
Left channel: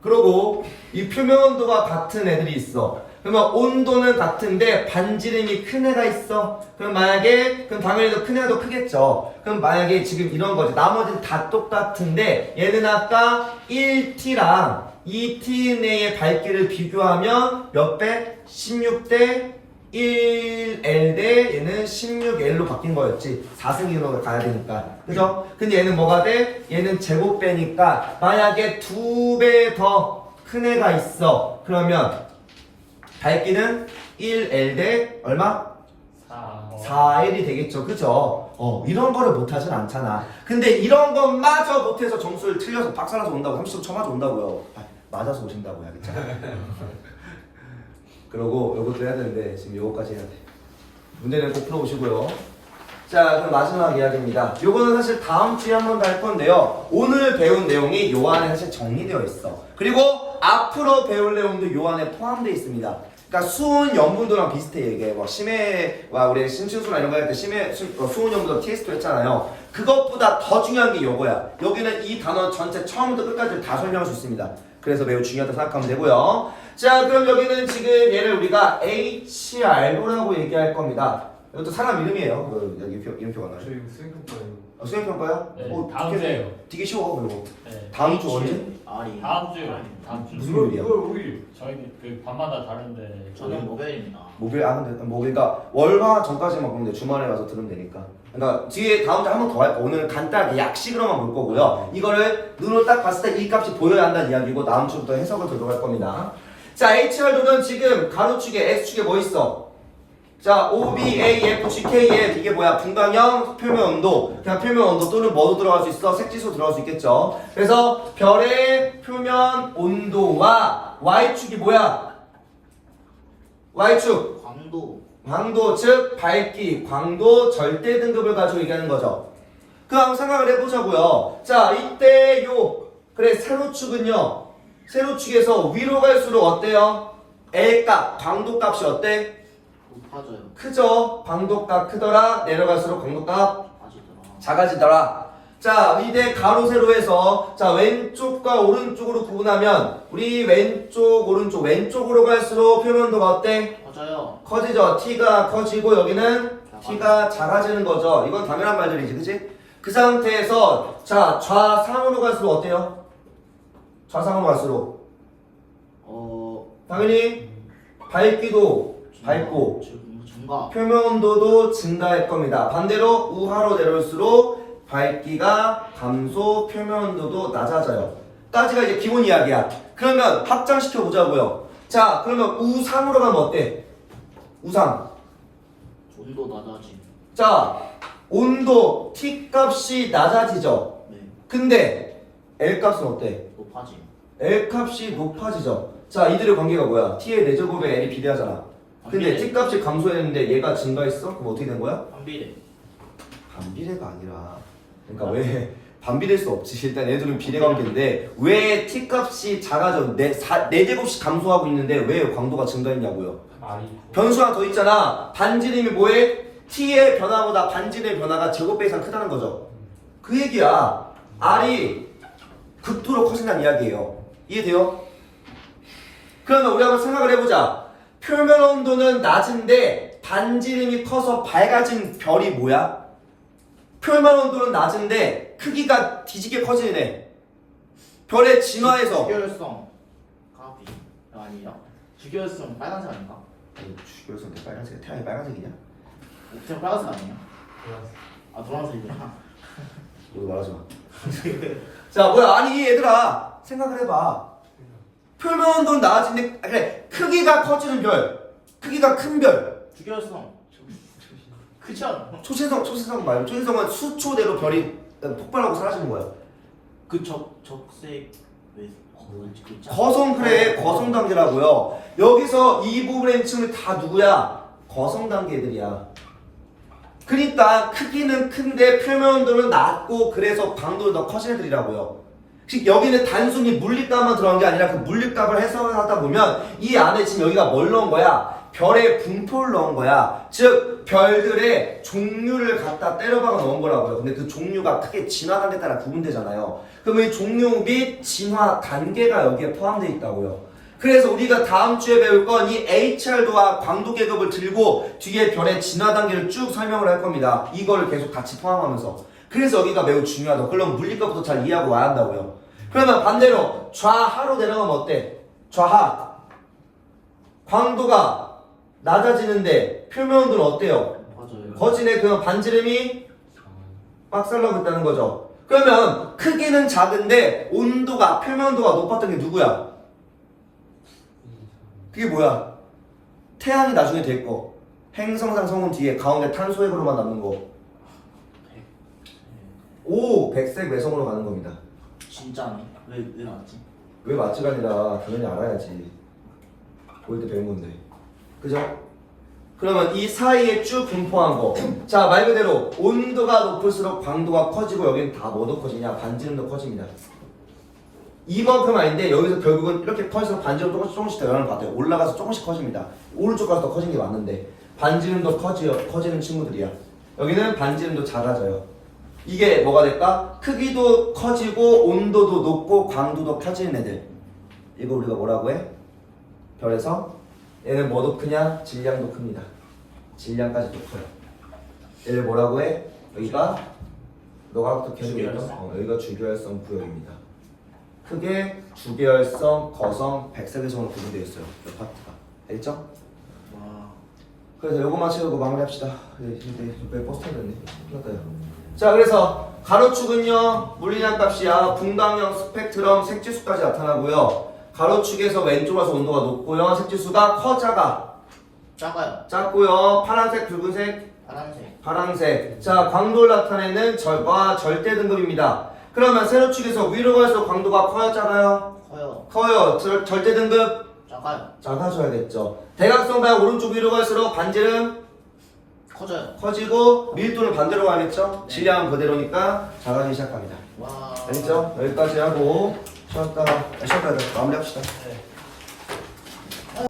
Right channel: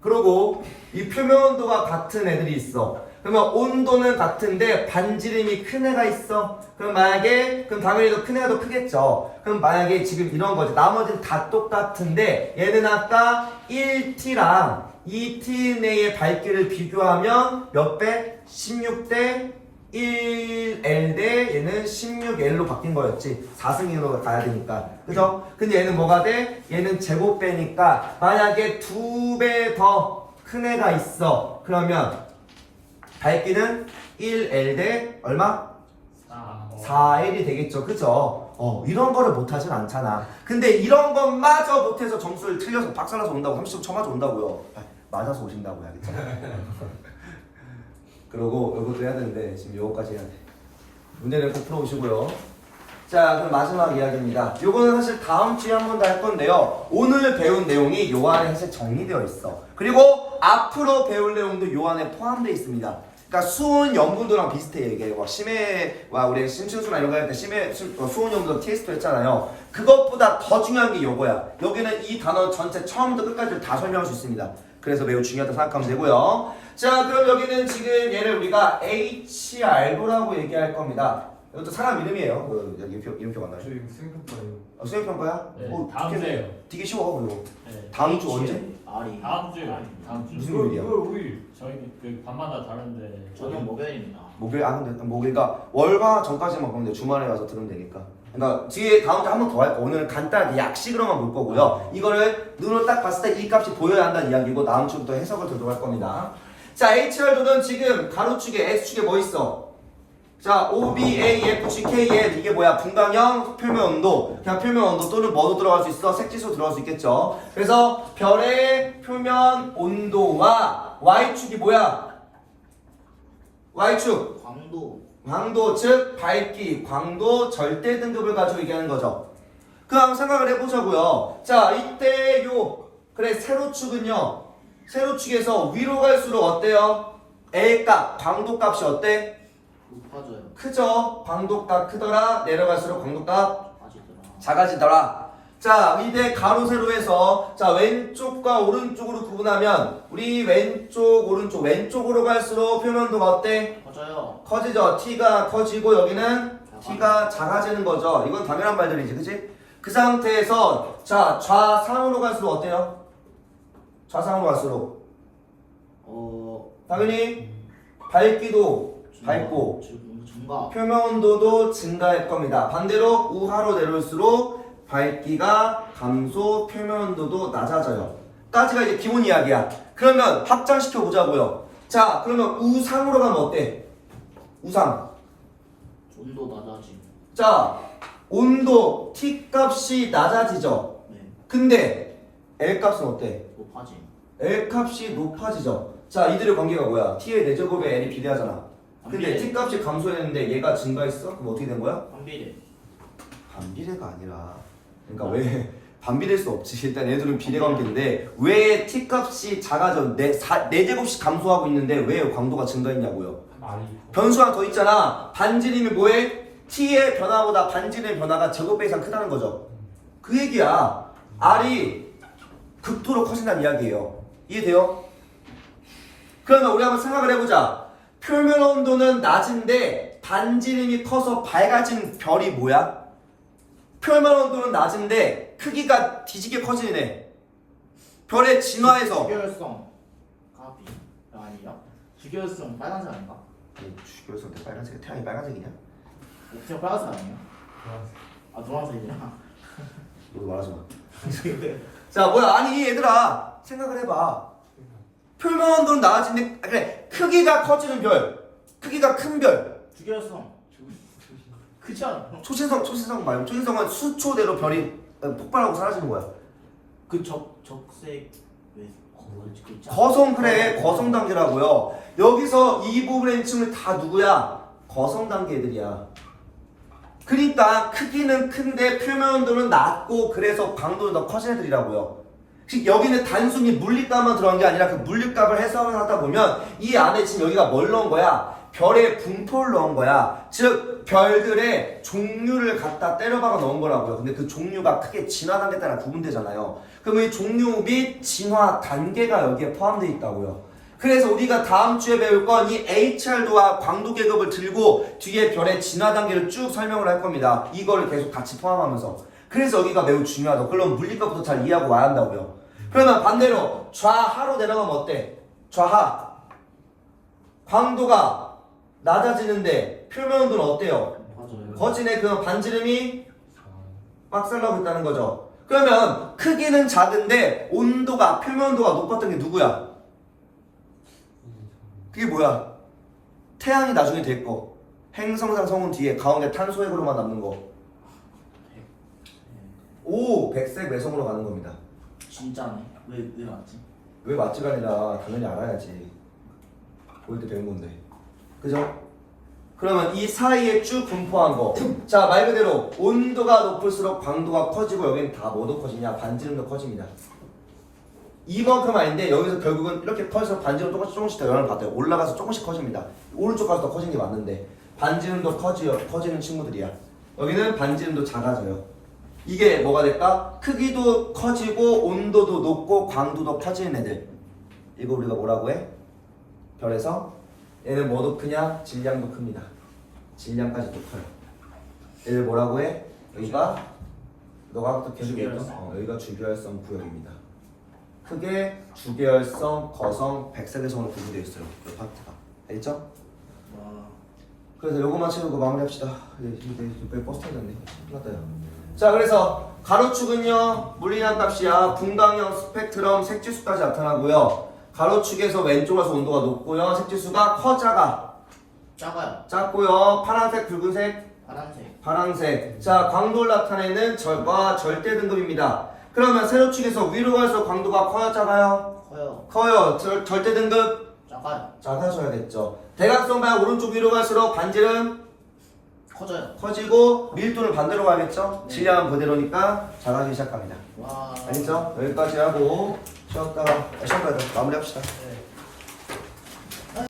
그리고 이 표면 온도가 같은 애들이 있어. 그러면 온도는 같은데 반지름이 큰 애가 있어. 그럼 당연히 더 큰 애가 더 크겠죠. 그럼 만약에 지금 이런 거지. 나머지는 다 똑같은데 얘는 아까 1t랑 2t 내의 밝기를 비교하면 몇 배? 16대 1L 대 얘는 16L로 바뀐 거였지. 4승으로 가야 되니까. 그죠? 근데 얘는 뭐가 돼? 얘는 제곱배니까 만약에 2배 더 큰 애가 있어. 그러면 밝기는 1L 대 얼마? 4L이 되겠죠. 그죠? 이런 거를 못하진 않잖아. 근데 이런 것마저 못해서 점수를 틀려서 박살나서 온다고 30점 쳐맞아 온다고요. 맞아서 오신다고 해야겠죠. 그러고 이것도 해야 되는데 지금 이거까지 해야 돼. 문제는 꼭 풀어오시고요. 자, 그럼 마지막 이야기입니다. 요거는 사실 다음 주에 한 번 더 할 건데요. 오늘 배운 내용이 요 안에 사실 정리되어 있어. 그리고 앞으로 배울 내용도 요 안에 포함되어 있습니다. 그러니까 수온 염분도랑 비슷해. 이게 막 심해와 우리 심층수나 이런 거 할 때 수온 염분도 TS도 했잖아요. 그것보다 더 중요한 게 요거야. 여기는 이 단어 전체 처음부터 끝까지 다 설명할 수 있습니다. 그래서 매우 중요하다 생각하면 되고요. 자, 그럼 여기는 지금 얘를 우리가 HR도라고 얘기할 겁니다. 이것도 사람 이름이에요. 여기 이름표가 나요. 저 이거 수행평가예요. 수행평가요? 네, 다음 주에요. 되게 쉬워. 그리고 네. 다음 주 언제? 아리. 다음 주. 다음 주. 무슨 요일이야? 5일. 저희 그 밤마다 다른데. 저는 목요일입니다. 목요일 근데 그러니까 월화 전까지만 보면 돼. 주말에 와서 들으면 되니까. 그러니까 뒤에 다음 주 한 번 더 할 거. 오늘 간단하게 약식으로만 볼 거고요. 이거를 눈으로 딱 봤을 때 이 값이 보여야 한다는 이야기고 다음 주부터 해석을 들어갈 겁니다. 자, HR도는 지금 가로축에 X축에 뭐 있어? 자, OBAF, GKF 이게 뭐야? 분광형 표면 온도. 그냥 표면 온도 또는 뭐도 들어갈 수 있어? 색지수 들어갈 수 있겠죠. 그래서 별의 표면 온도와 Y축이 뭐야? Y축. 광도 즉 밝기, 광도 절대 등급을 가지고 얘기하는 거죠. 그 한번 생각을 해보자고요. 자, 이때 그래 세로축은요. 세로축에서 위로 갈수록 어때요? L값, 광도값이 어때? 높아져요. 크죠? 광도값 크더라. 내려갈수록 광도값 아직더라. 작아지더라. 자, 이때 가로 세로에서 자 왼쪽과 오른쪽으로 구분하면 우리 왼쪽 오른쪽 왼쪽으로 갈수록 표면도가 어때? 커져요. 커지죠. t가 커지고 여기는 t가 작아지는 거죠. 이건 당연한 말들이지, 그치? 그 상태에서 자 좌상으로 갈수록 어때요? 좌상으로 갈수록 당연히 밝기도 밝고 증가. 표면 온도도 증가할 겁니다. 반대로 우하로 내려올수록 밝기가 감소, 표면 온도도 낮아져요. 까지가 이제 기본 이야기야. 그러면 확장시켜 보자고요. 자, 그러면 우상으로 가면 어때? 우상. 온도 낮아짐. 자, 온도 T 값이 낮아지죠. 네. 근데 L 값은 어때? 높아짐. L 값이 높아지죠. 자, 이들의 관계가 뭐야? T의 4제곱에 L이 비례하잖아. 근데 T 값이 감소했는데 얘가 증가했어? 그럼 어떻게 된 거야? 반비례. 반비례가 아니라 그러니까 왜 반비례일 수 없지. 일단 얘들은 비례관계인데 왜 T 값이 작아져? 4제곱씩 감소하고 있는데 왜 광도가 증가했냐고요. 변수 하나 더 있잖아. 반지름이 뭐해? T의 변화보다 반지름의 변화가 제곱배 이상 크다는 거죠. 그 얘기야. R이 극도로 커진다는 이야기예요. 이해돼요? 그러면 우리 한번 생각을 해보자. 표면 온도는 낮은데 반지름이 커서 밝아진 별이 뭐야? 표면 온도는 낮은데 크기가 뒤지게 커지네. 별의 진화에서 주결성 가비 아니라 주결성 빨간색 아닌가? 주결성 때 빨간색, 태양이 빨간색이냐? 옥테어 빨간색 아니야? 아 노란색이야. 너도 말하지 마. 자, 뭐야? 아니 얘들아 생각을 해봐. 표면 온도는 낮아지는데 그래 크기가 커지는 별, 크기가 큰 별. 주결성 그죠? 초신성 말고 초신성은 수초대로 별이 폭발하고 사라지는 거야. 그 적색 왜 뭐지 그 짜- 거성 그래 거성 단계라고요. 여기서 이 부분의 층은 다 누구야? 거성 단계 애들이야. 그러니까 크기는 큰데 표면 온도는 낮고 그래서 강도는 더 커진 애들이라고요. 즉 여기는 단순히 물리값만 들어간 게 아니라 그 물리값을 해석하다 보면 이 안에 지금 여기가 뭘 넣은 거야? 별의 분포를 넣은 거야. 즉 별들의 종류를 갖다 때려박아 넣은 거라고요. 근데 그 종류가 크게 진화 단계에 따라 구분되잖아요. 그럼 이 종류 및 진화 단계가 여기에 포함되어 있다고요. 그래서 우리가 다음 주에 배울 건 이 HR도와 광도 계급을 들고 뒤에 별의 진화 단계를 쭉 설명을 할 겁니다. 이거를 계속 같이 포함하면서. 그래서 여기가 매우 중요하다. 그럼 물리값부터 잘 이해하고 와야 한다고요. 그러면 반대로 좌하로 내려가면 어때? 좌하. 광도가 낮아지는데 표면 온도는 어때요? 맞아요. 거진의 그 반지름이 빡살나고 있다는 거죠. 그러면 크기는 작은데 온도가 표면 온도가 높았던 게 누구야? 그게 뭐야? 태양이 나중에 될 거. 행성상 성운 뒤에 가운데 탄소 핵으로만 남는 거. 오, 백색 외성으로 가는 겁니다. 진짜네. 왜 맞지? 왜 맞지가 아니라 당연히 알아야지. 보일 때 배운 건데. 그죠? 그러면 이 사이에 쭉 분포한 거. 자, 말 그대로 온도가 높을수록 광도가 커지고 여기는 다 뭐도 커지냐? 반지름도 커집니다. 이만큼 아닌데 여기서 결국은 이렇게 커져서 반지름 조금씩 더 영향을 받아요. 올라가서 조금씩 커집니다. 오른쪽 가서 더 커진 게 맞는데 반지름도 커지는 친구들이야. 여기는 반지름도 작아져요. 이게 뭐가 될까? 크기도 커지고 온도도 높고 광도도 커지는 애들. 이거 우리가 뭐라고 해? 별에서 얘는 뭐도 크냐? 질량도 큽니다. 질량까지도 커요. 얘를 뭐라고 해? 여기가 너가 또 계속 얘기했던 여기가 주계열성 구역입니다. 크게 주계열성, 거성, 백색외성으로 구분되어 있어요. 이 파트가. 알겠죠? 와. 그래서 요거만 채우고 마무리합시다. 이제 버스 타야 되네. 끝났다 요. 자, 그래서 가로축은요 물리량 값이야. 분광형, 스펙트럼, 색지수까지 나타나고요. 가로축에서 왼쪽으로 가서 온도가 높고요. 색지수가 작아. 작고요. 파란색, 붉은색, 파란색. 자, 광도를 나타내는 절대 등급입니다. 그러면 세로축에서 위로 갈수록 광도가 커요, 작아요? 커요. 절대 등급 작아져야겠죠. 대각선 방향 오른쪽 위로 갈수록 반지름 커지고 밀도는 반대로 가겠죠? 네. 질량은 그대로니까 작아지기 시작합니다. 와. 알겠죠? 여기까지 하고 쉬었다 마무리합시다. 네.